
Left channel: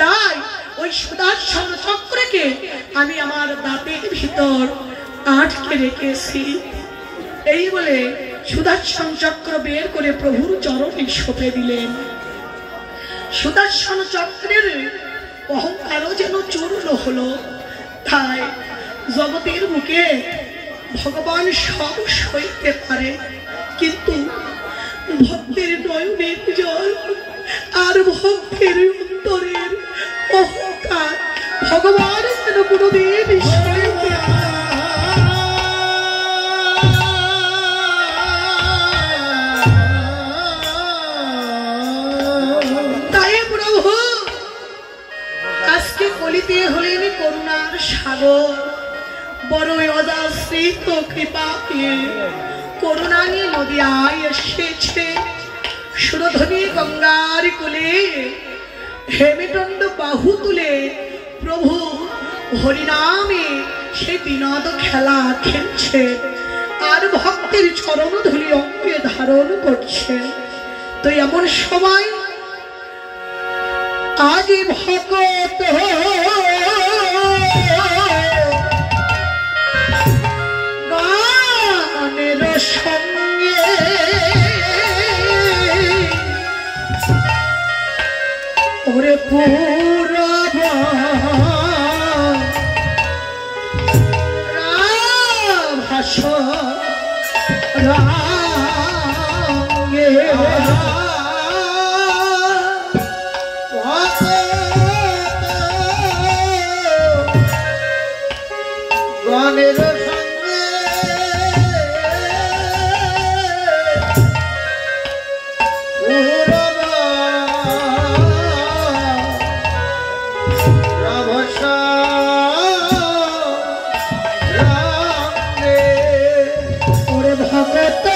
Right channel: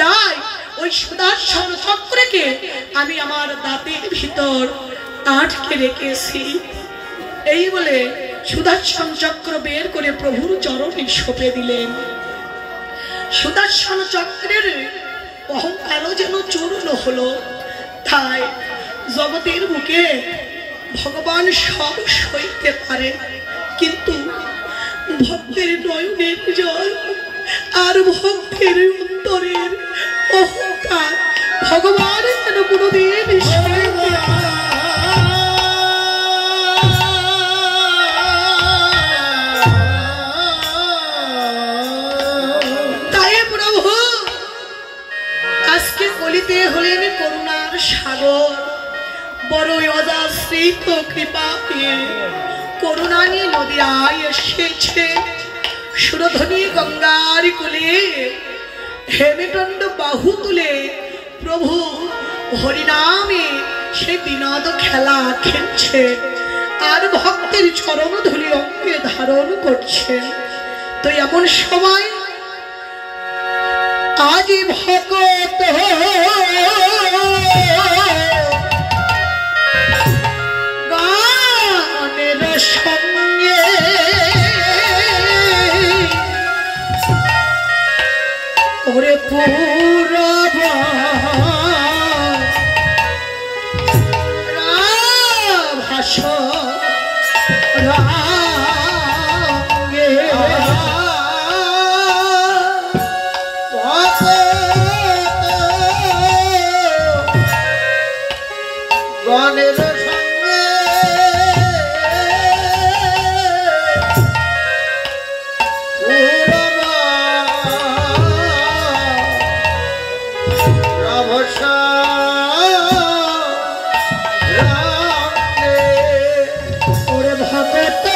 তাই ওই সুদর্শন চক্রকে আমি আমার দাঁতের ভিতর আটকে রেখেছি। এই বলে সুদর্শন চক্র বের করে প্রভুর চরণে সঁপে দিলেন। সুদর্শন চক্রের অহংকারও যেন চূর্ণ হলো। তাই জগতের বুকে ভগবান সব সইতে পারে, কিন্তু ভক্তের নয়নের জল আর ভক্তের অন্তরের অহংকার ভগবান যেন কোনোদিন সইতে পারে। তাই প্রভু আজকে কলিতে হলেন করুণার সাগর, বড়ই অযাচিত কৃপা পেয়ে করুণায় নদিয়ায় এসেছে। সুরধ্বনি গঙ্গার কোলে হেমেদণ্ড বাহু তুলে প্রভু হরিনামে সে বিনোদ খেলা খেলছে, আর ভক্তের চরণ ধুলি অঙ্গে ধারণ করছে। তো এমন সময় আজ ভক্ত গানের সঙ্গে ওরে পুরব ভাষ রঙে গানের সঙ্গে ওরে ভক্ত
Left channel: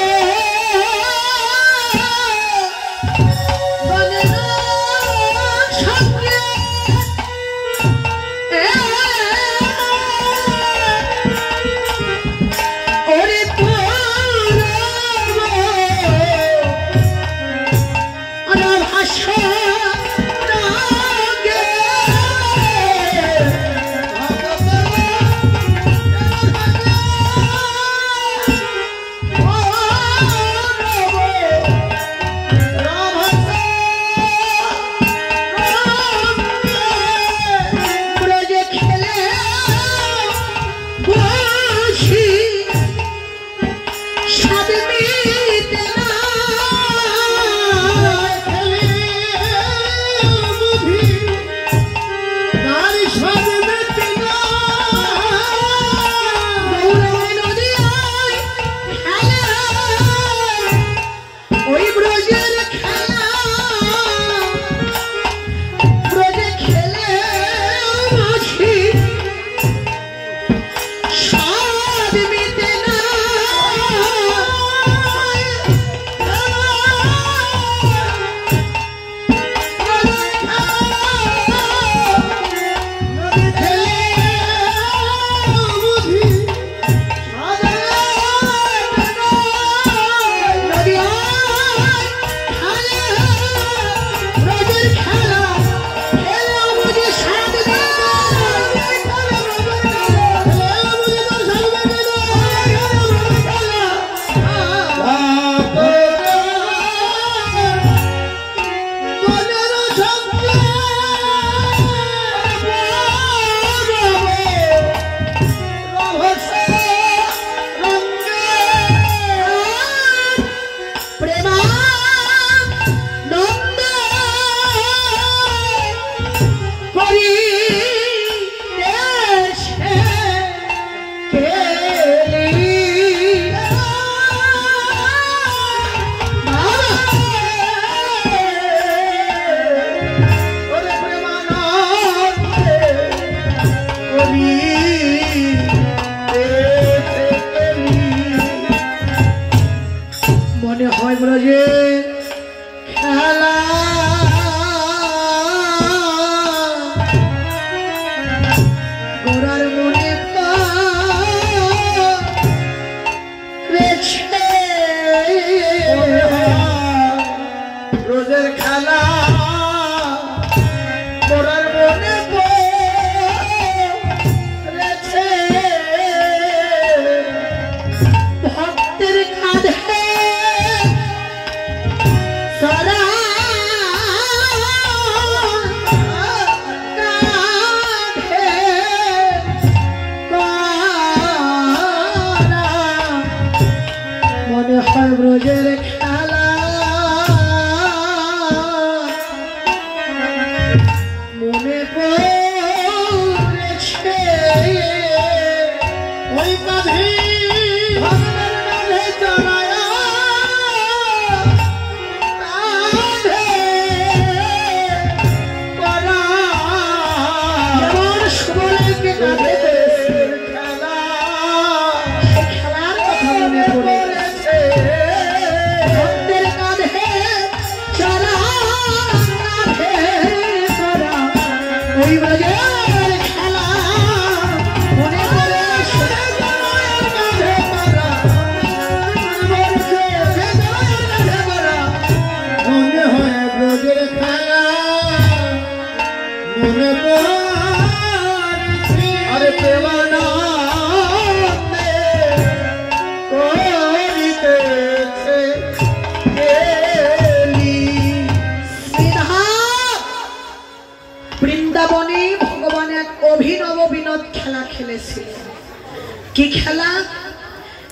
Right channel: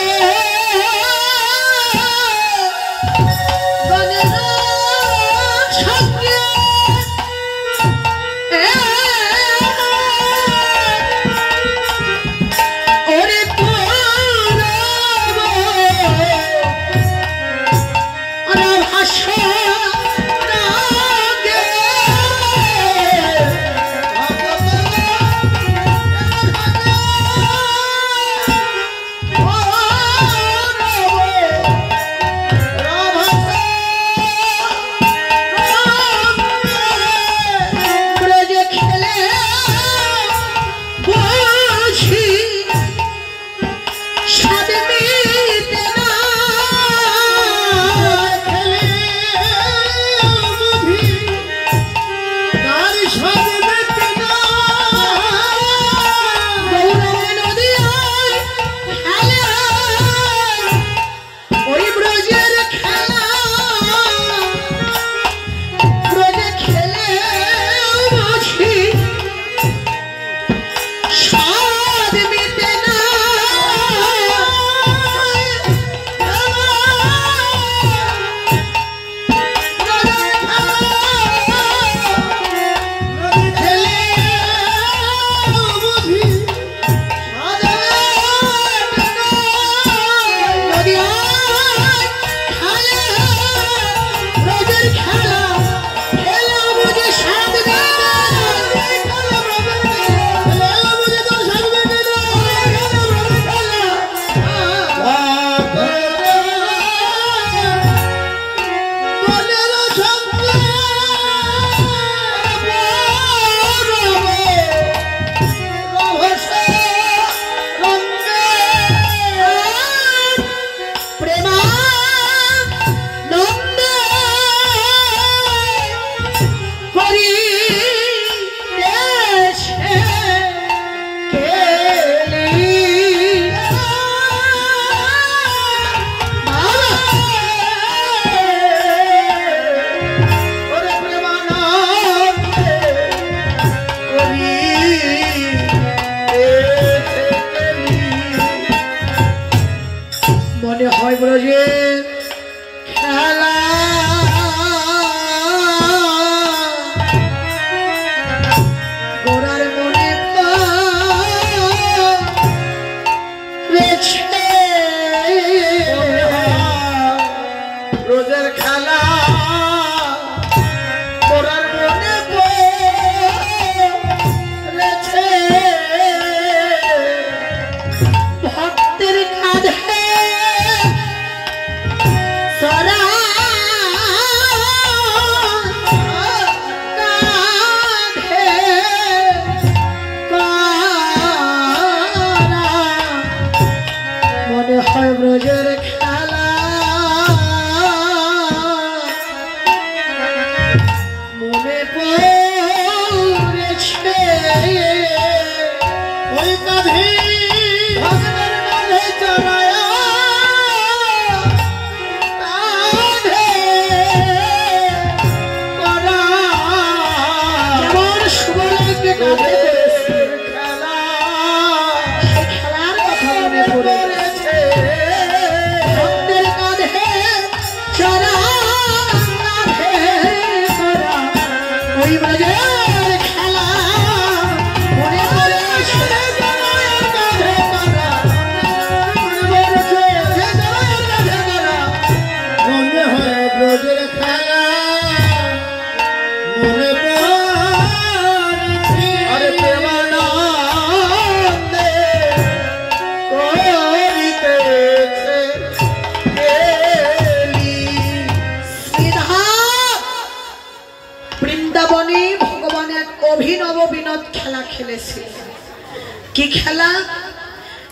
কি খেলা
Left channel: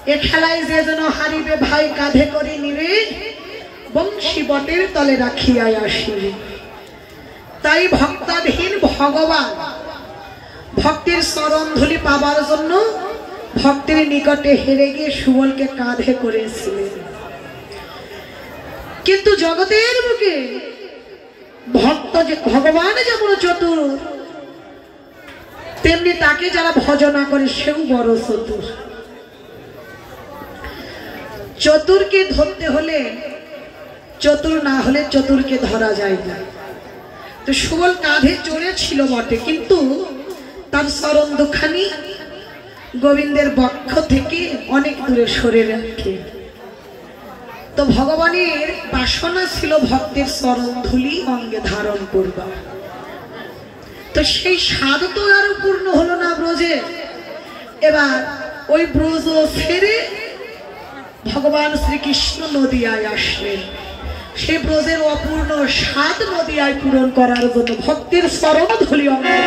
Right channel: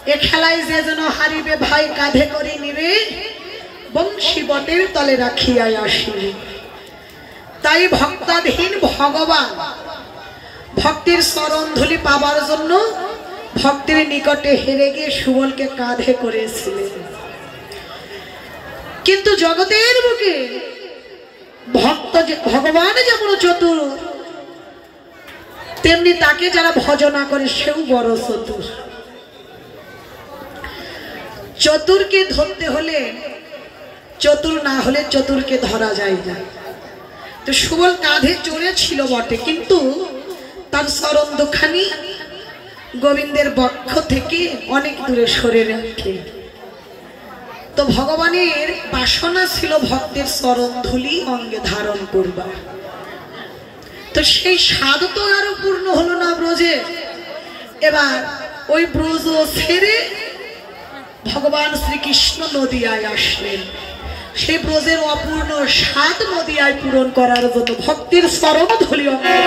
এ খেলায় যে যেন হারিবে ভাই কাঁধে করে নিবে বংশী বটের তলে রাখিয়া আসিবে তাই ভক্তাধীন ভগবান ভক্তির চরণ ধুলি পাবার জন্য ভক্তির নিকটে হেরে গিয়ে সুবলকে কাঁধে করেছিলেন কিন্তু জগতের বুকে ভক্ত যে ভগবান যেমন চতুর তেমনি তাকে যারা ভজনা করে সেও বড় চতুর চতুরকে ধরতে হলে চতুর না হলে চতুরকে ধরা যায় না তো সুবল কাঁধে চড়েছিল বটে কিন্তু তার চরণ দুখানি গোবিন্দের বক্ষ থেকে অনেক দূরে সরে রাখে তো ভগবানের বাসনা ছিল ভক্তের চরণ ধুলি অঙ্গে ধারণ করবা তো সেই স্বাদ তো আরো পূর্ণ হলো না ব্রজে এবার ওই ব্রজ ছেড়ে ভগবান শ্রীকৃষ্ণ নদিয়ায় আসলেন সেই ব্রজের অপূর্ণ স্বাদ নদিয়ায় পূরণ করার জন্য ভক্তির চরণ ধুলি অঙ্গে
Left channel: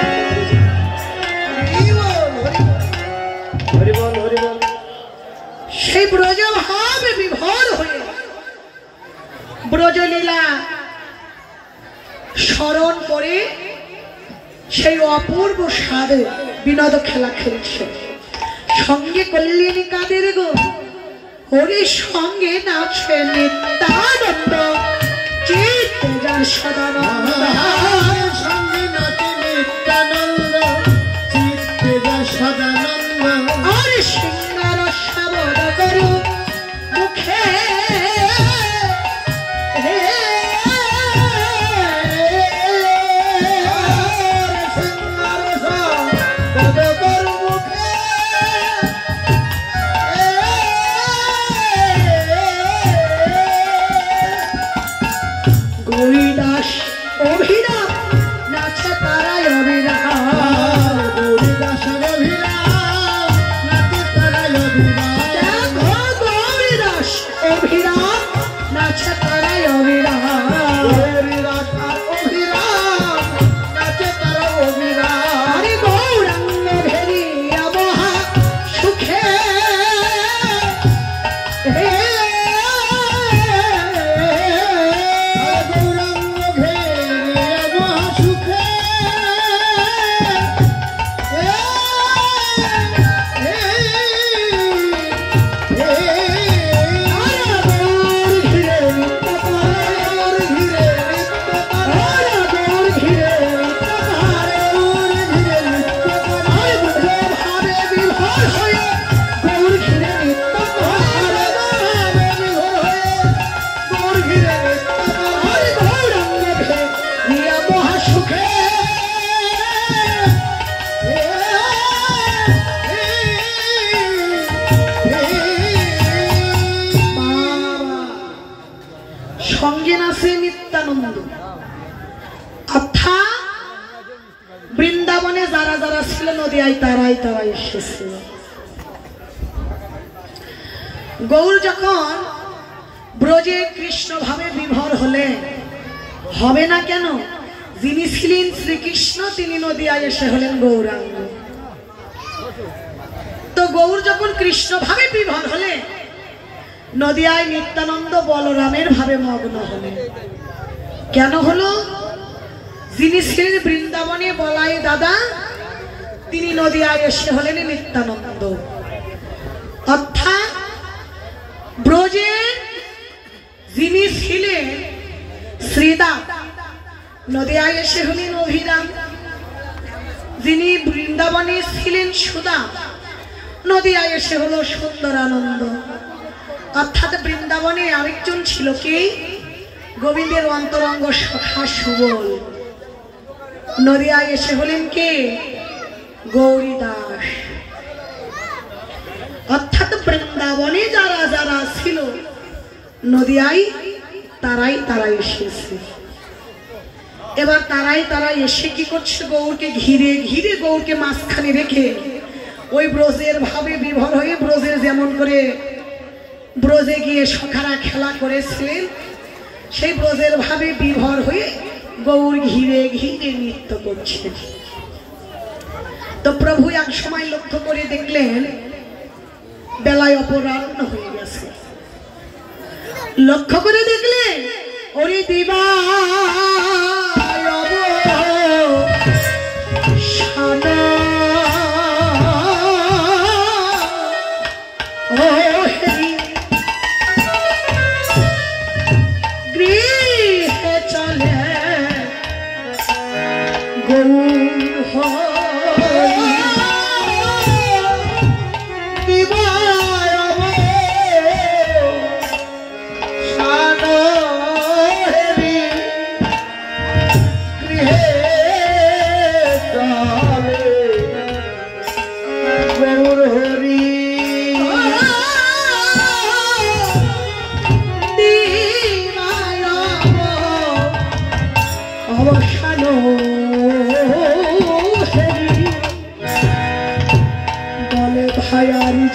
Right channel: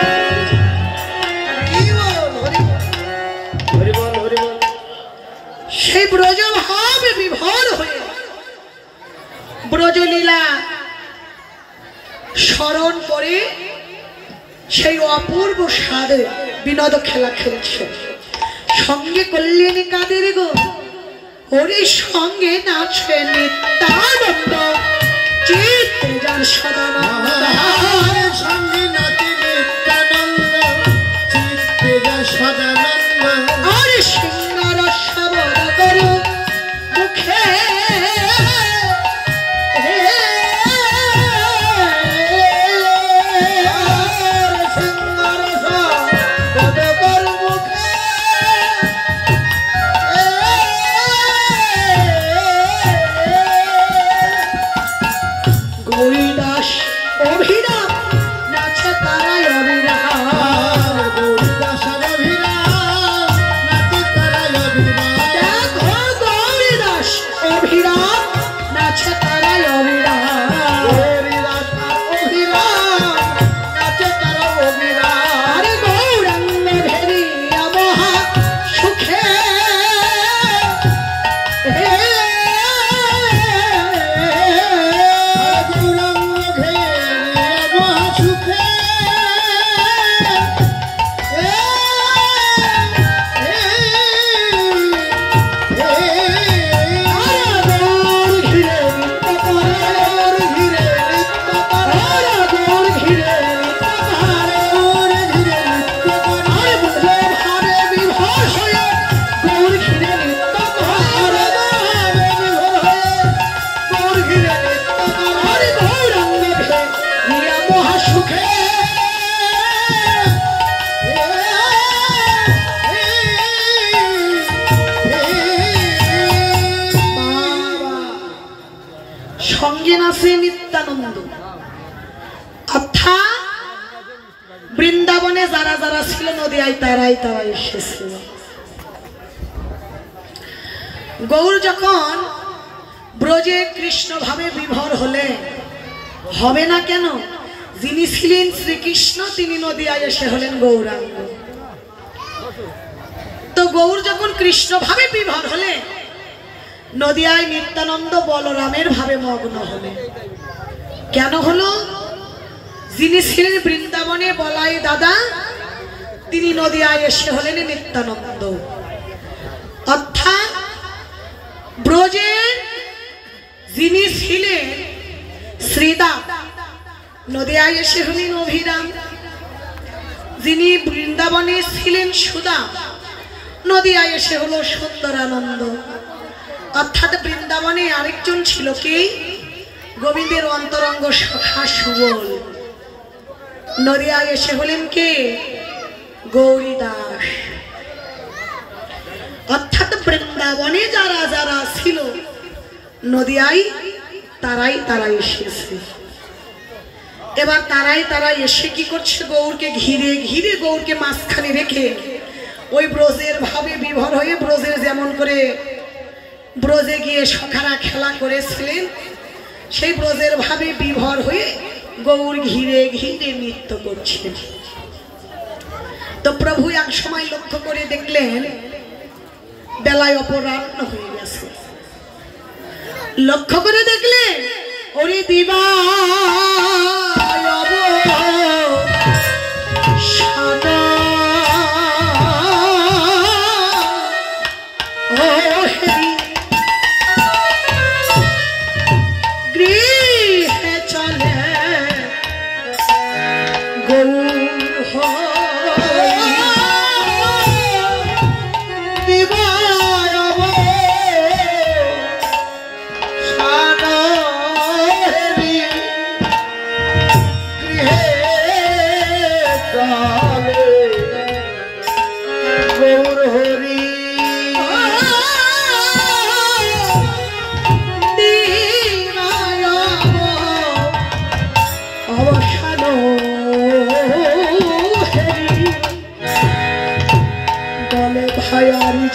সেই ব্রজ ভাবে বিভোর হয়ে ব্রজলীলা স্মরণ করে সেই অপূর্ব স্বাদে বিনোদ খেলা খেলছে সঙ্গে করলেন কাদের গো ওরে সঙ্গে নাচে নিত্যানন্দ চিত্তে যার সদানন্দ সঙ্গে নাচে নিত্যানন্দ চিত্তে যার সদানন্দ আর সিংহার শব্দ করু মুখে সুখে সঙ্গে নাচে নিত্যানন্দ। অর্থাৎ বৃন্দাবনে যারা যারা ছিল নদিয়ায় তারাই তারাই এসেছিল। গৌর যখন ব্রজে কৃষ্ণ ভাবে বিভোর হলে হবে না কেন, যিনি ছিলেন শ্রীকৃষ্ণ তিনি নদিয়ায় এসে হলেন গৌরাঙ্গ। তো গৌর যখন কৃষ্ণ ভাবে বিভোর হলে নদিয়ায় নিত্যানন্দ বলরামের ভাবে মগ্ন হলেন। কেন হলো? যিনি ছিলেন বৃন্দাবনে বলাই দাদা তিনি নদিয়ায় এসে হলেন নিত্যানন্দ। অর্থাৎ ব্রজে যিনি ছিলেন শ্রীদাম নদিয়ায় এসে হলেন অভিরাম, যিনি বৃন্দাবনে ছিলেন সুদাম নদিয়ায় এসে হলো সুন্দরানন্দ। অর্থাৎ বৃন্দাবনে আরেকজন ছিল কি? গোবিন্দের অন্তরঙ্গ সখা সুবল। নদিয়ায় এসে হলেন কে? গৌরী দাস। অর্থাৎ বৃন্দাবনে যারা যারা ছিল নদিয়ায় তারাই তারাই এসেছে। এবার তারাই তারাই এসে কি করছে? গৌরকে ঘিরে ঘিরে গৌরকে মাঝখানে রেখে ওই ব্রজের ভাবে বিভোর হয়ে ব্রজের যেমন করে ব্রজে গিয়ে সখারা খেলা করেছিলেন সেই ব্রজের ভাবে বিভোর হয়ে গৌর ঘিরে ঘিরে নৃত্য করছেন। তো প্রভু এক সময় লক্ষ্য করে দেখলেন বেলায় অপরাহ্ন হয়ে গেছে। লক্ষ্য করে দেখলেন ওরে দিবা গৃহে চলে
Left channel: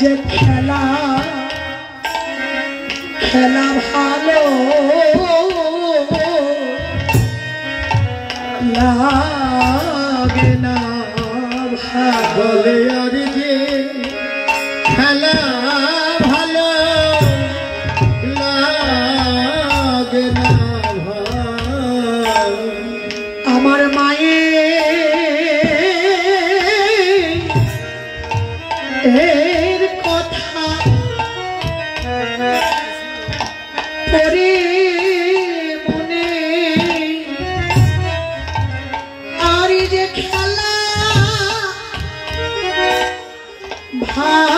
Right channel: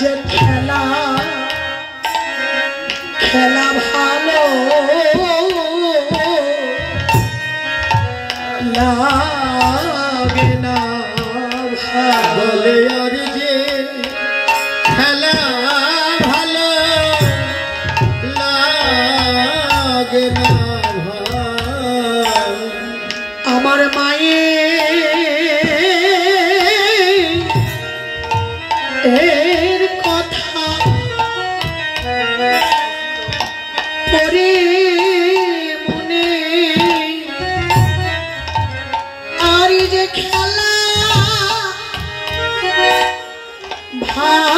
যে খেলা খেলা ভালো লাগে না, বলে আর যে খেলা ভালো লাগে না। আমার মায়ের কথা পরে মনে আর যে খেলা ভালো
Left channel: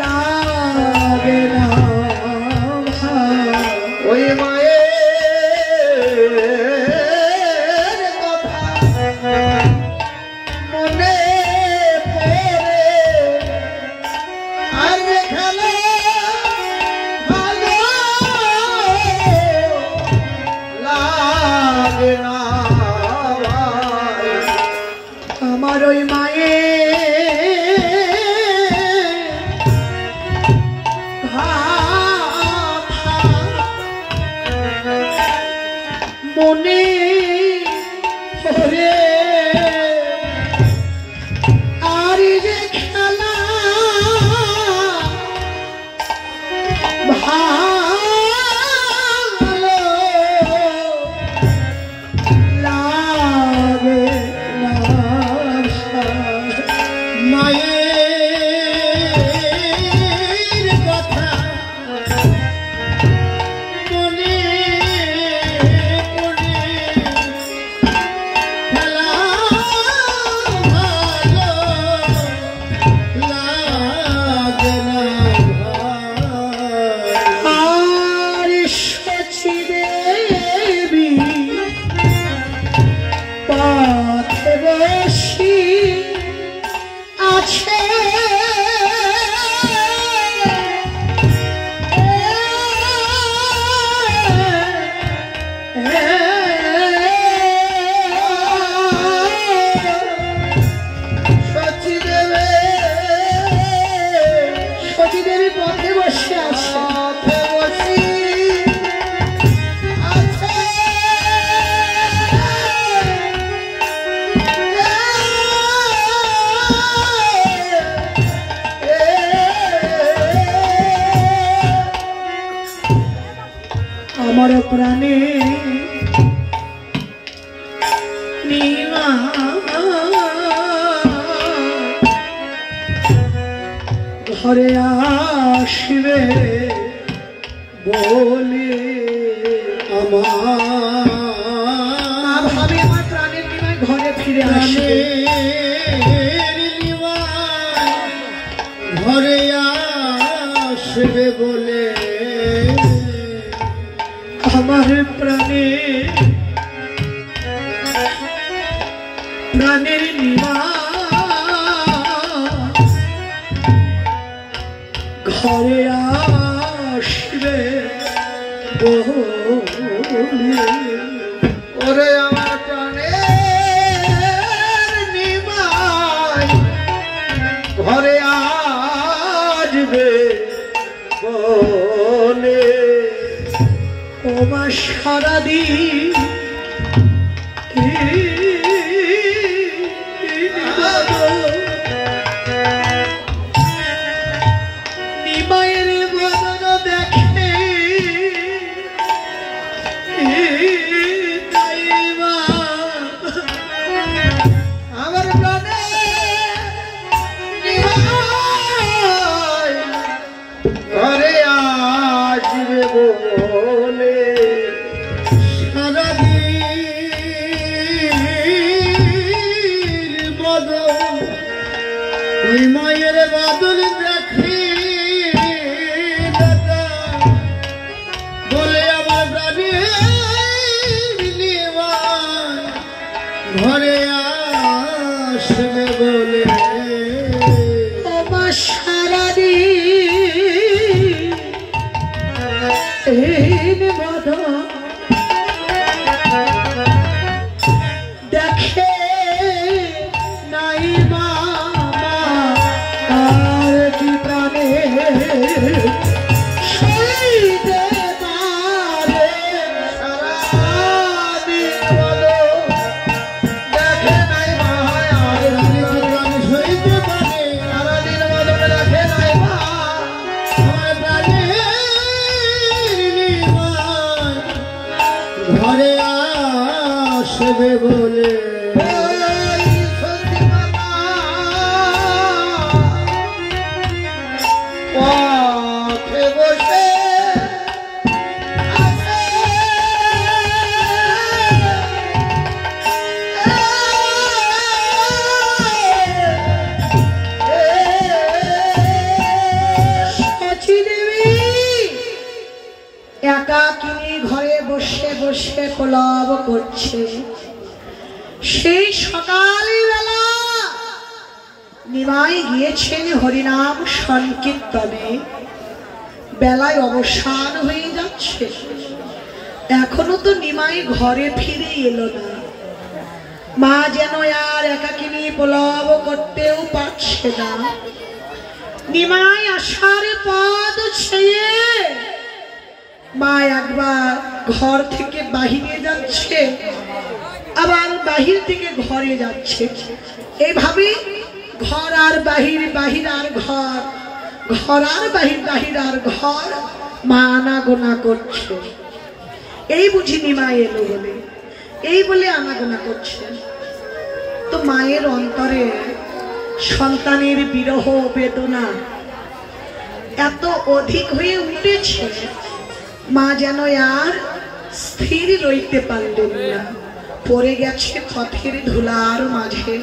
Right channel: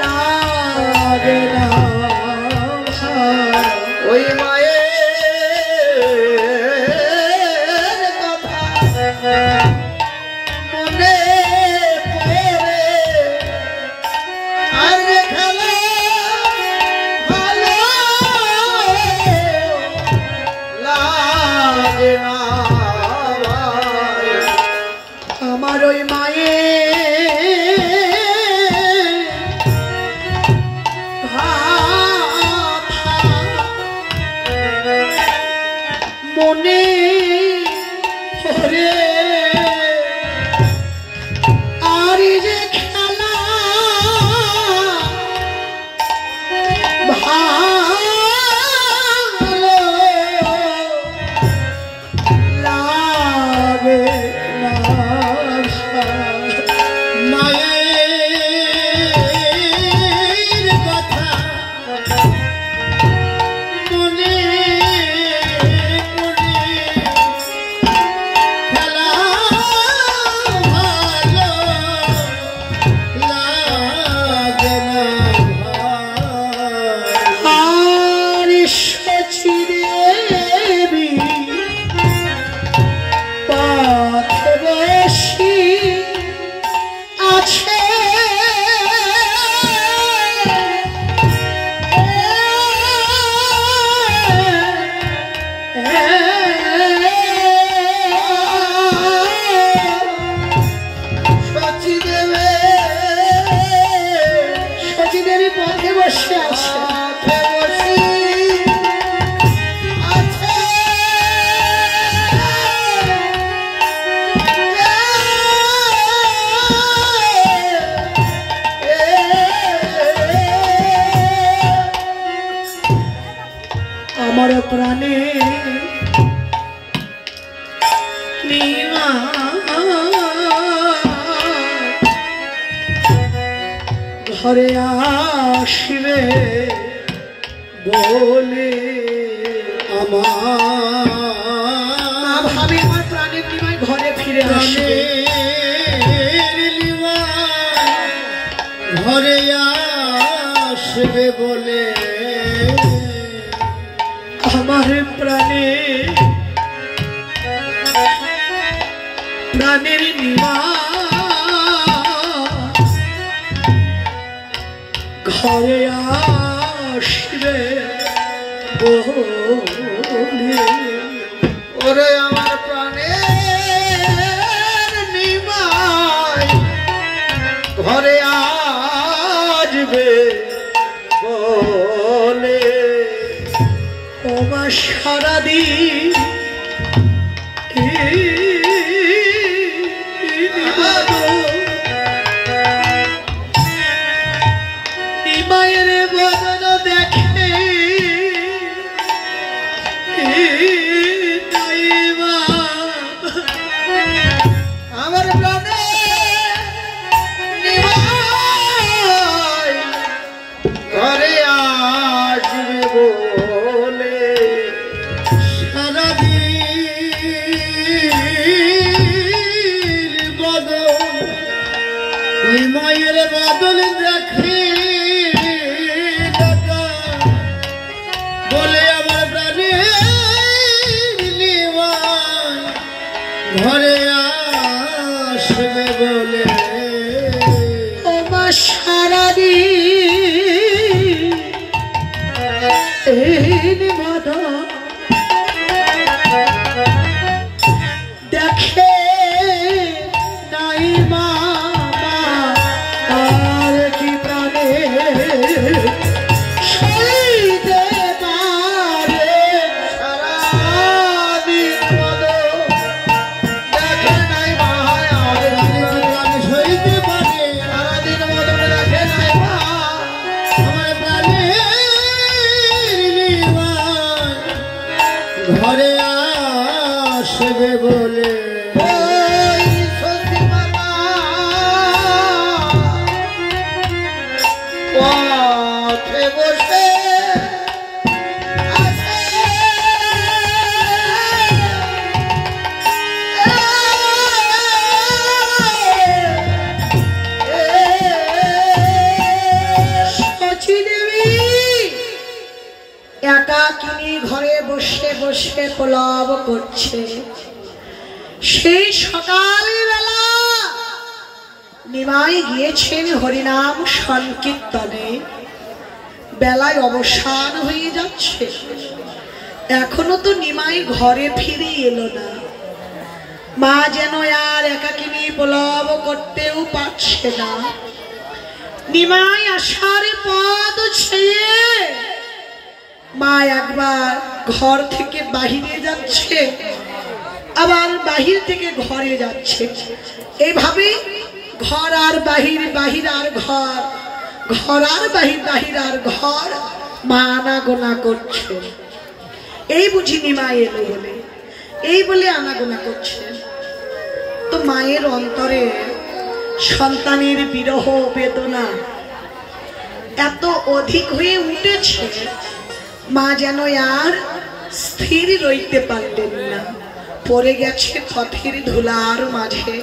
লাগে না। ওই মায়ের মনে পড়ে আর যে খেলা ভালো লাগে না। আমার ওই মায়ের মনে পড়ে আর যে খেলা ভালো লাগে না। মায়ের কথা মনে পড়ে সচিদেবী পথে বসি আছে সচিদেবী পথে বসে আছে আমার প্রাণে ঘরে আসবে বলে আমার ভাবি আমার প্রাণের নিমাই ঘরে ফিরে আসবে ঘরে আসবে বলে আমার প্রাণের নিমা ঘরে আসবে বলে ওরে আমার প্রাণের নিমাই ঘরে আসবে বলে ওমা সারাদিন নিমায়ের বদন দেখে আমার প্রাণের নিমাই ঘরে আসবে বলে সারাদিন বদল নিমাইয়ের বদল দেখে বলে আমার প্রাণের নিমাই ঘরে আসবে বলে ওমা সারাদিন বদন দেখে নাই মামা আর কি প্রাণে সেই দেবারে সারাদিন বদল দেখে নাই ভাই আর জীবন সইতে পারে সারাদিন বদল দেখে নাই ভাই আমার প্রাণের নিমাই ঘরে আসবে বলে ওই সত্যি মামা পথে বসে আছে সচিদেবী একাকিনী ঘরে বসে বসে প্রলাপ করছে। সেই সকালবেলা নিমাই গিয়েছেন হরিনাম সংকীর্তনে, বেলায় অবসান হয়ে যাচ্ছে, এখনো তো নিমাই ঘরে ফিরে এলো না। মা যেন আর একাকিনী প্রলাপ করতেও পারছে না। নিমাই আসার পথ ছেয়ে মা একবার ঘর থেকে বাহিরে যাচ্ছে, আবার বাহির থেকে ঘরে যাচ্ছে, এইভাবে ঘর আর বাহির, বাহির আর ঘর, ঘর আর বাহির, বাহির আর ঘর মা আনাগোনা করছে। এই বুঝি নিমাই এলো বলে, এই বলে আনাগোনা করছে। তো মায়ের অন্তরে সন্তানের বিরহ বেদনা এত অধিক হয়ে উঠেছে, মা যেন আর স্থির রইতে পারলেন না। পড়ে গেছে পথের ধুলার মাঝে,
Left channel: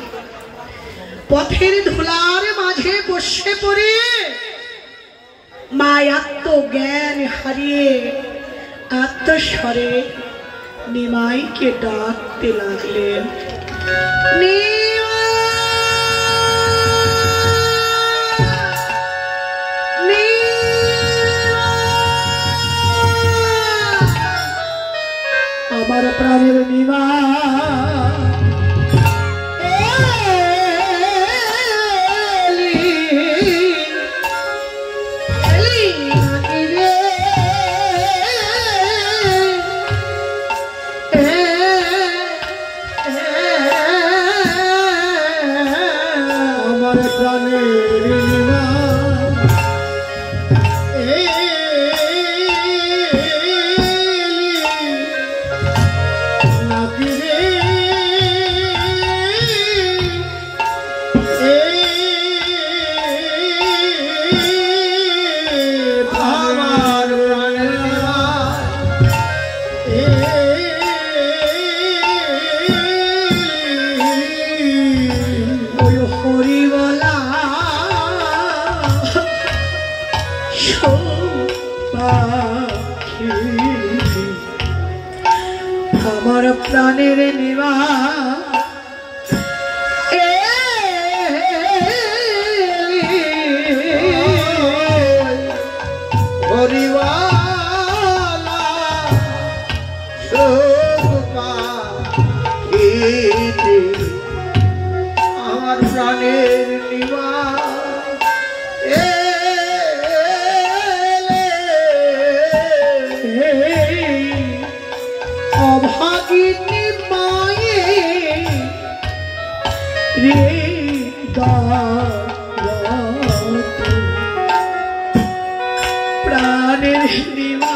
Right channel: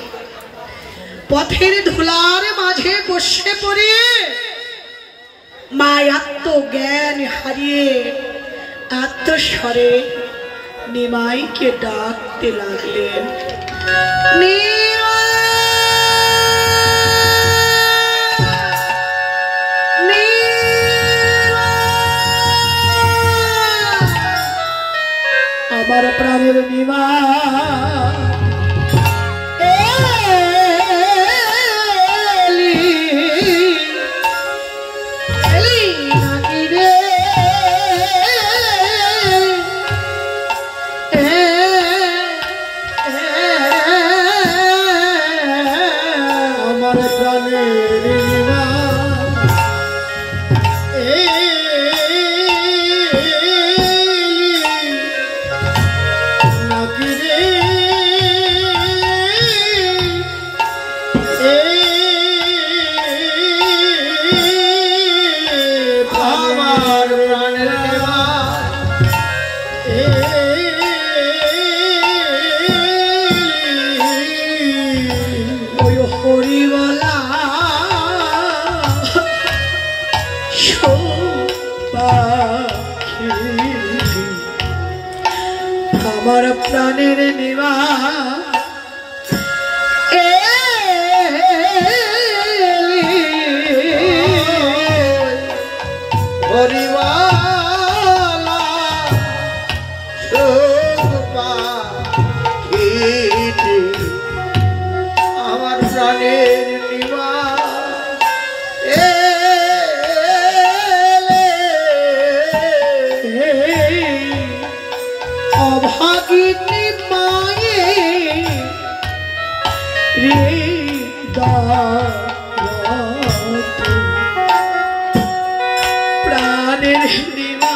পথের ধুলার মাঝে বসে পড়ে মা আত্মজ্ঞান হারিয়ে আত্মস্বরে নিমাইকে ডাকতে লাগলেন। আমার প্রাণের নিমা আমার প্রাণের নিমা আমার প্রাণের নিমা অভাগিনী মায়ে প্রাণের নিমা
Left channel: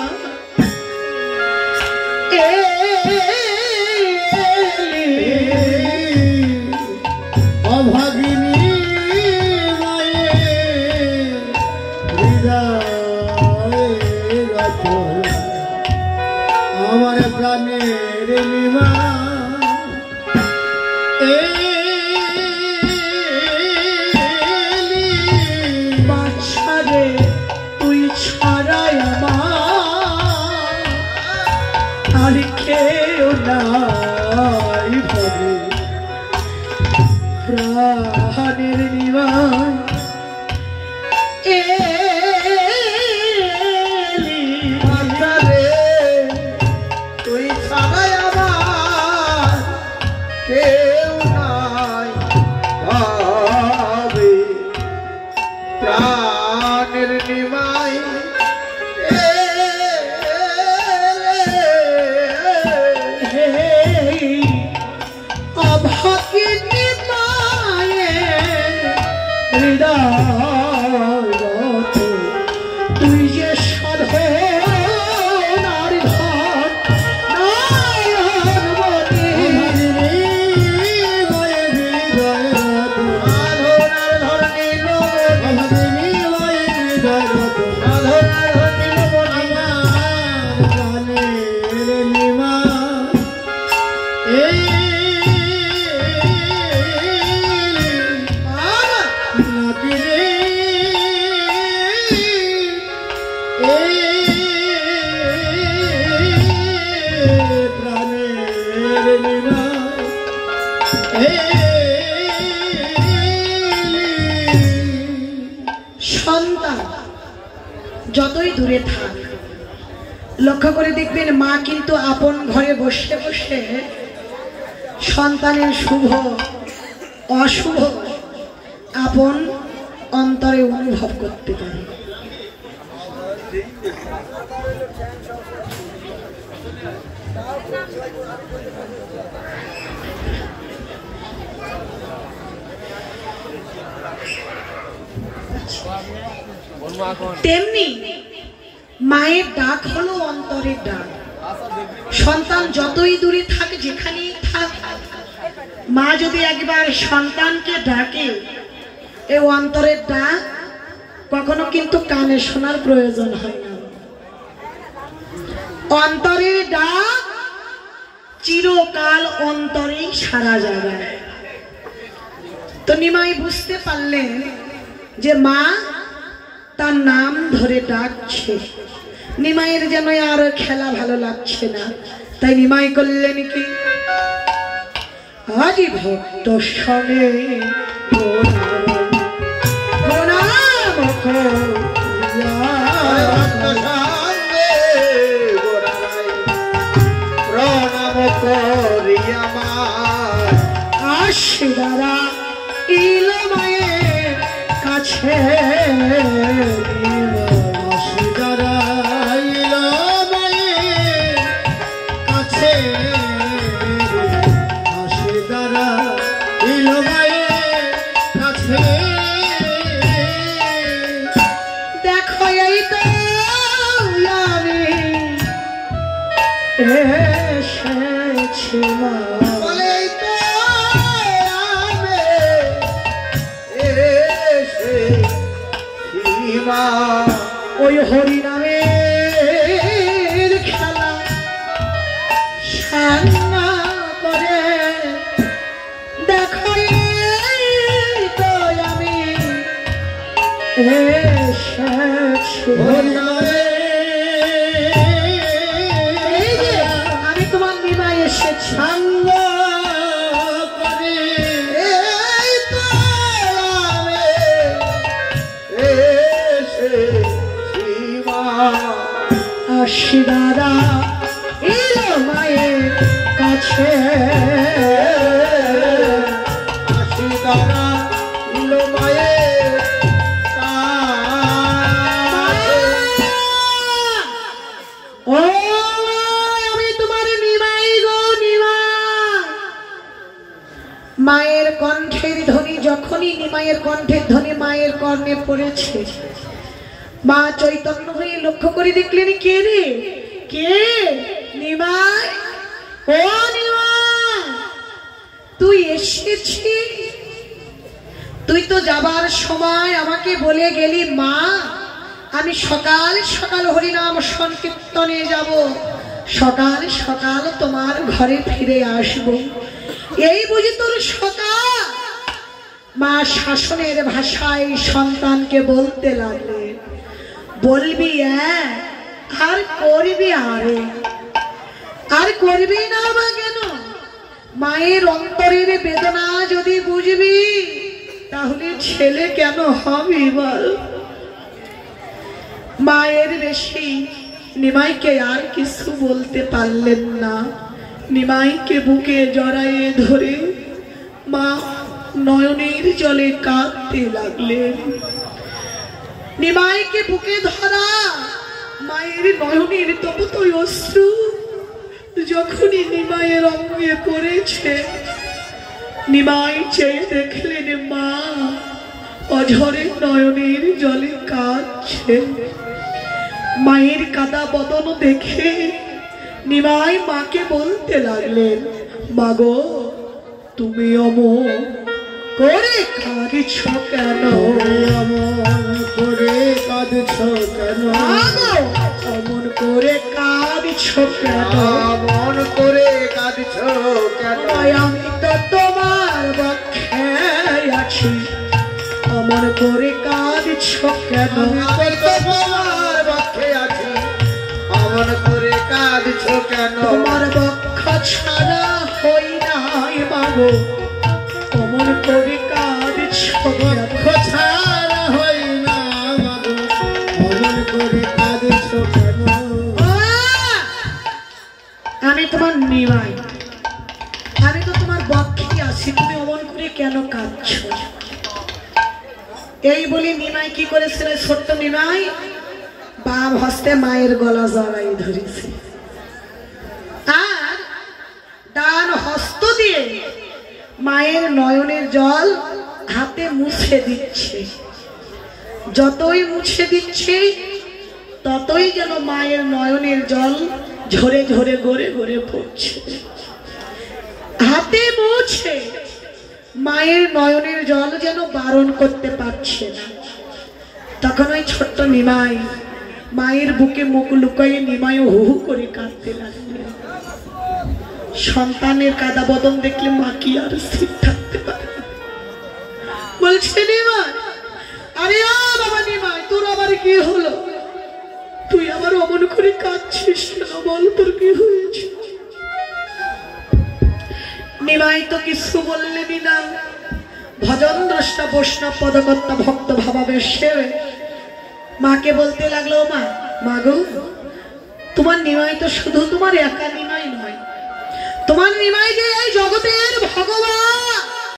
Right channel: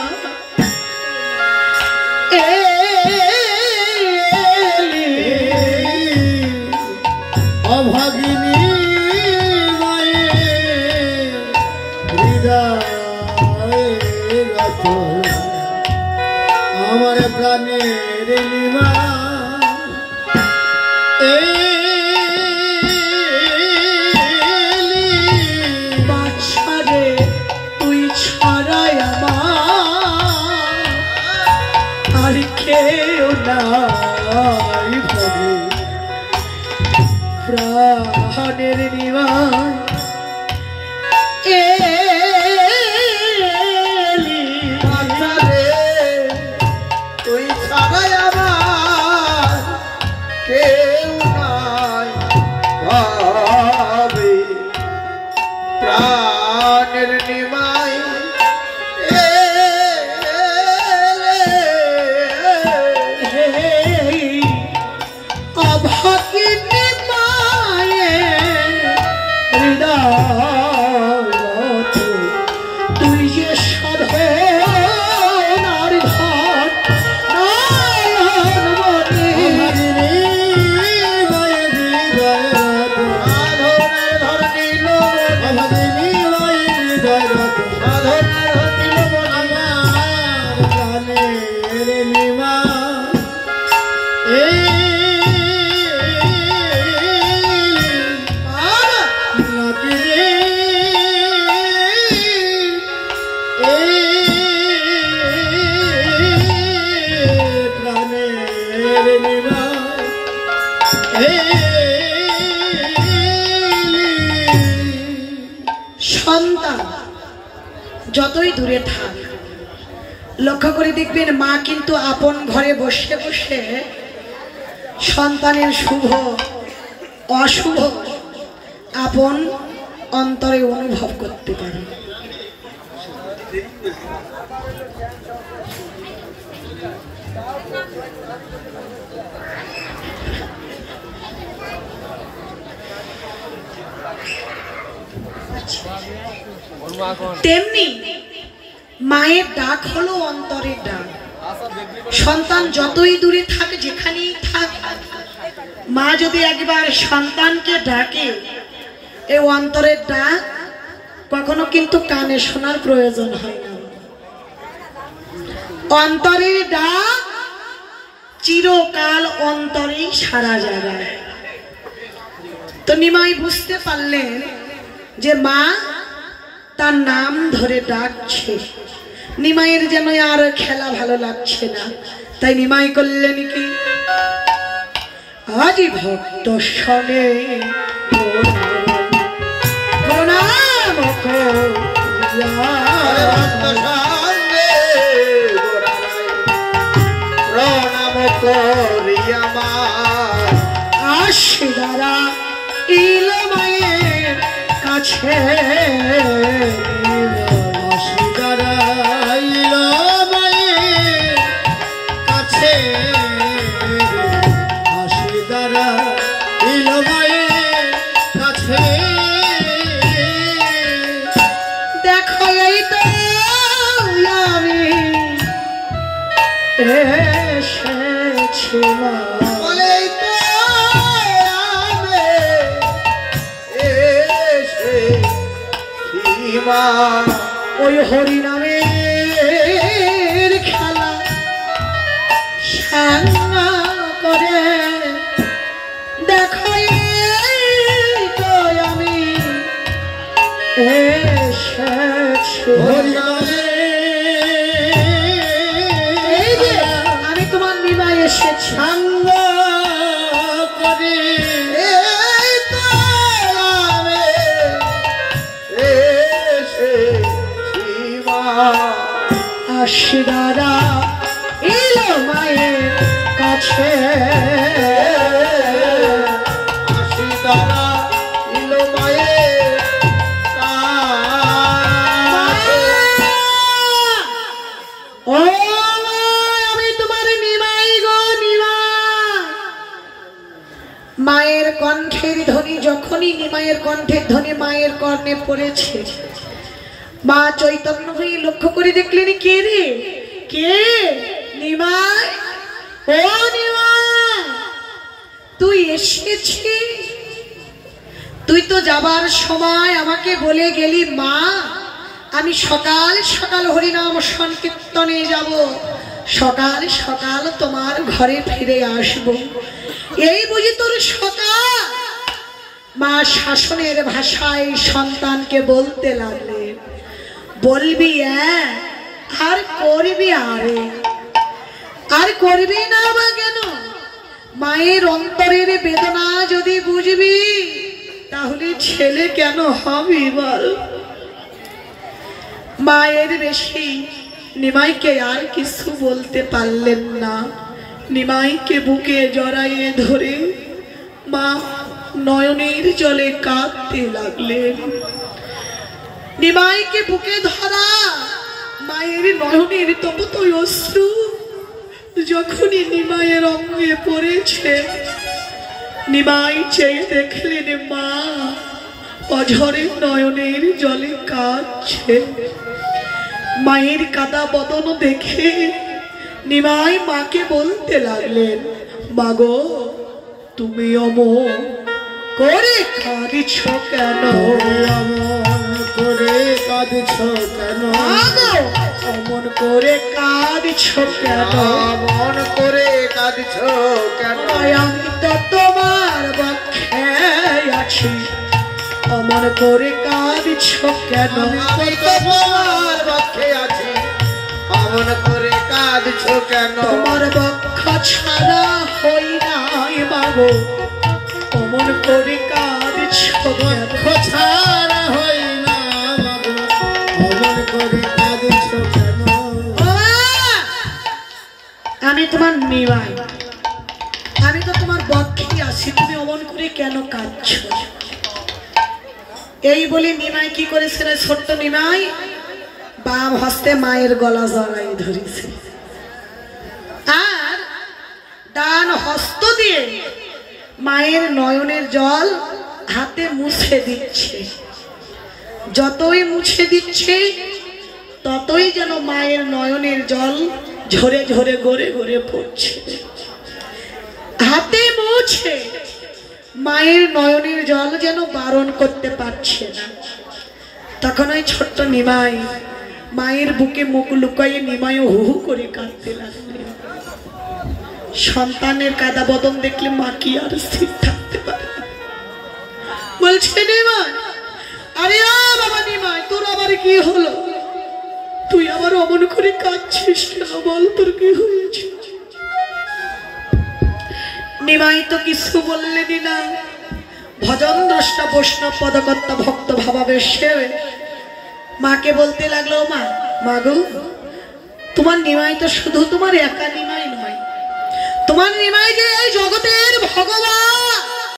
অভাগিনী মায়ে হৃদয় আমার প্রাণের নিমা বাছারে তুই ছাড়াই আমার আর কেউ নাই ভবে প্রাণের নিমা তুই ছাড়াই আমার কেউ নাই ভাবে প্রাণের নিমাই অভাগিনী মায়ে হৃদয় তুই যে সাধনার ঘর নয়নমণি সন্তান যতই দূরে থাক লক্ষ্য করে দেখবেন মা কিন্তু আপন ঘরে বসে বসে সন্তানের শুভ অশুভ আপন অন্তরে অনুভব করতে পারে। তেমনি মায়ের ডাক হলো অন্তরের ডাক। সন্তান যতই দূরে থাক যেখানেই থাক মা যদি একবার সন্তানকে ডাকে এই অন্তরের ডাক কখনো কিন্তু কানে শোনার প্রয়োজন হয় না। অন্তরের ডাক চিরকাল অন্তরেই সারা যাবে। তো নিমাই বুঝতে পারলেন যে মা তার নাম ধরে ডাকছে, নিমাইয়ের যেন আর খেলা ভালো লাগছে না, তাই নিমাই করলেন কি, আজি ভক্ত সনে প্রণাম করিয়া আশিদারা ইল মায়ের কাছে, আশিদারা ইল মায়ের কাছে, আশিদারা ইল মায়ের কাছে। দেখো এই তো আমি এসেছি মা, বলেই তো আমি এসেছি মা, ওই হরিনামের খেলা সান্না করে। দেখো এই তো আমি এসেছি, এই যে আমি তোমার নিমাই এসেছি। সাঙ্গ করে এই তো আমি এসেছি মা, আশিদারা এলো মায়ের কাছে, আশিদারা ইল মায়ের কাছে। ও আমি তোমার নিমাই গো নিমাই। মায়ের কণ্ঠের ধ্বনি যখনই নিমাইয়ের কণ্ঠের ধ্বনি মায়ের কর্ণে পড়েছে, মা চৈতন্য হয়ে লক্ষ্য করে দেখলেন, কে রে, কে? নিমাই, ও নিমাই, তুই এসেছিস? তুই তো যাবার সময় আমাকে বলে গেলি, মা আমি সকাল সকাল হরিনাম সংকীর্তনে যাব, সকাল সকাল তোমার ঘরে ফিরে আসব। এই বুঝি তোর সকাল? মা শাসনের ভাষায় সন্তানকে বলতে লাগলেন, বলবি আর করবি আরে, আর করবি না বা কেন? মায়ের অন্তরের বেদনা যদি বুঝবি তাহলে ছেলে কেন হবি বল? মায়ের বেশি নিমাইকে আর কিছু বলতে পারলেন না। নিমাইকে বুকে জড়াইয়ে ধরে মা নয়নের জলে কাঁদতে লাগলেন। নিমাইকে বুকে ধরা মায়ের নয়নের ততই অশ্রু যখনই নিমাইয়ের অঙ্গে পড়েছে, নিমাই চেয়ে দেখলেন মা অঝরে নয়নের জলে কাঁদছে। মায়ের কাদা বদন দেখে নিমাই মাকে বলতে লাগলেন, মাগো তুমি অমন করে কাঁদছ কেন? অমন করে কাঁদছ কেন? অমন করে কাঁদছ কেন? অমন করে কাঁদছ কেন? আমি তো তোমার পক্ষে আছি, অমন করে কাঁদছ কেন? আমি তো তোমার পক্ষে আছি, অমন করে কাঁদছ কেন? তোমার পক্ষ ছাড়া হই নাই বাবু, অমন করে কাঁদছ কেন? ছাড়া হই না মাগো, অমন করে কাঁদছ কেন? আমি তোমার নিমাই, আমি তো তোমার পক্ষে আছি, তুমি অমন করে কেন কাঁদছ? এই বলে নিমাই কি করেছিল? ছোট্ট নিমাই বাম হস্তে মায়ের গলা জড়াই ধরেছে আর ডান হস্ত দিয়ে মায়ের নয়নের জল হাতে মুছে দিচ্ছে। যতই মুছে দিচ্ছে ততই যেন মায়ের নয়নের জল ঝরে ঝরে গড়ে গড়ে পড়ছে। হাতে মুছে মায়ের নয়নের জল যেন বারণ করতে পারছে না। তখন ওই ছোট্ট নিমাই মায়ের বুকে মুখ লুকাইয়ে নিমাই হু হু করে কাঁদতে লাগলেন। সন্তানের কাদা বদন দেখলে মা কি আর স্থির থাকতে পারে? বলছে নিমাই, আরে ও বাবা নিমাই, তোর আবার কি হলো? তুই আবার আমার অমন করে কাঁদছিস কেন? বল তোর কি হয়েছে? নিমাই তো কিছু বললেনি না। ভজন দ্রষ্টা বৈষ্ণব পদকর্তা ভক্ত ভাবাবেশে মাকে বলতে লাগলো, মা মাগো, তোমার নিমাই তো শুধু তোমার একা নিমাই নয়, তোমার নিমাই যে এই জগতে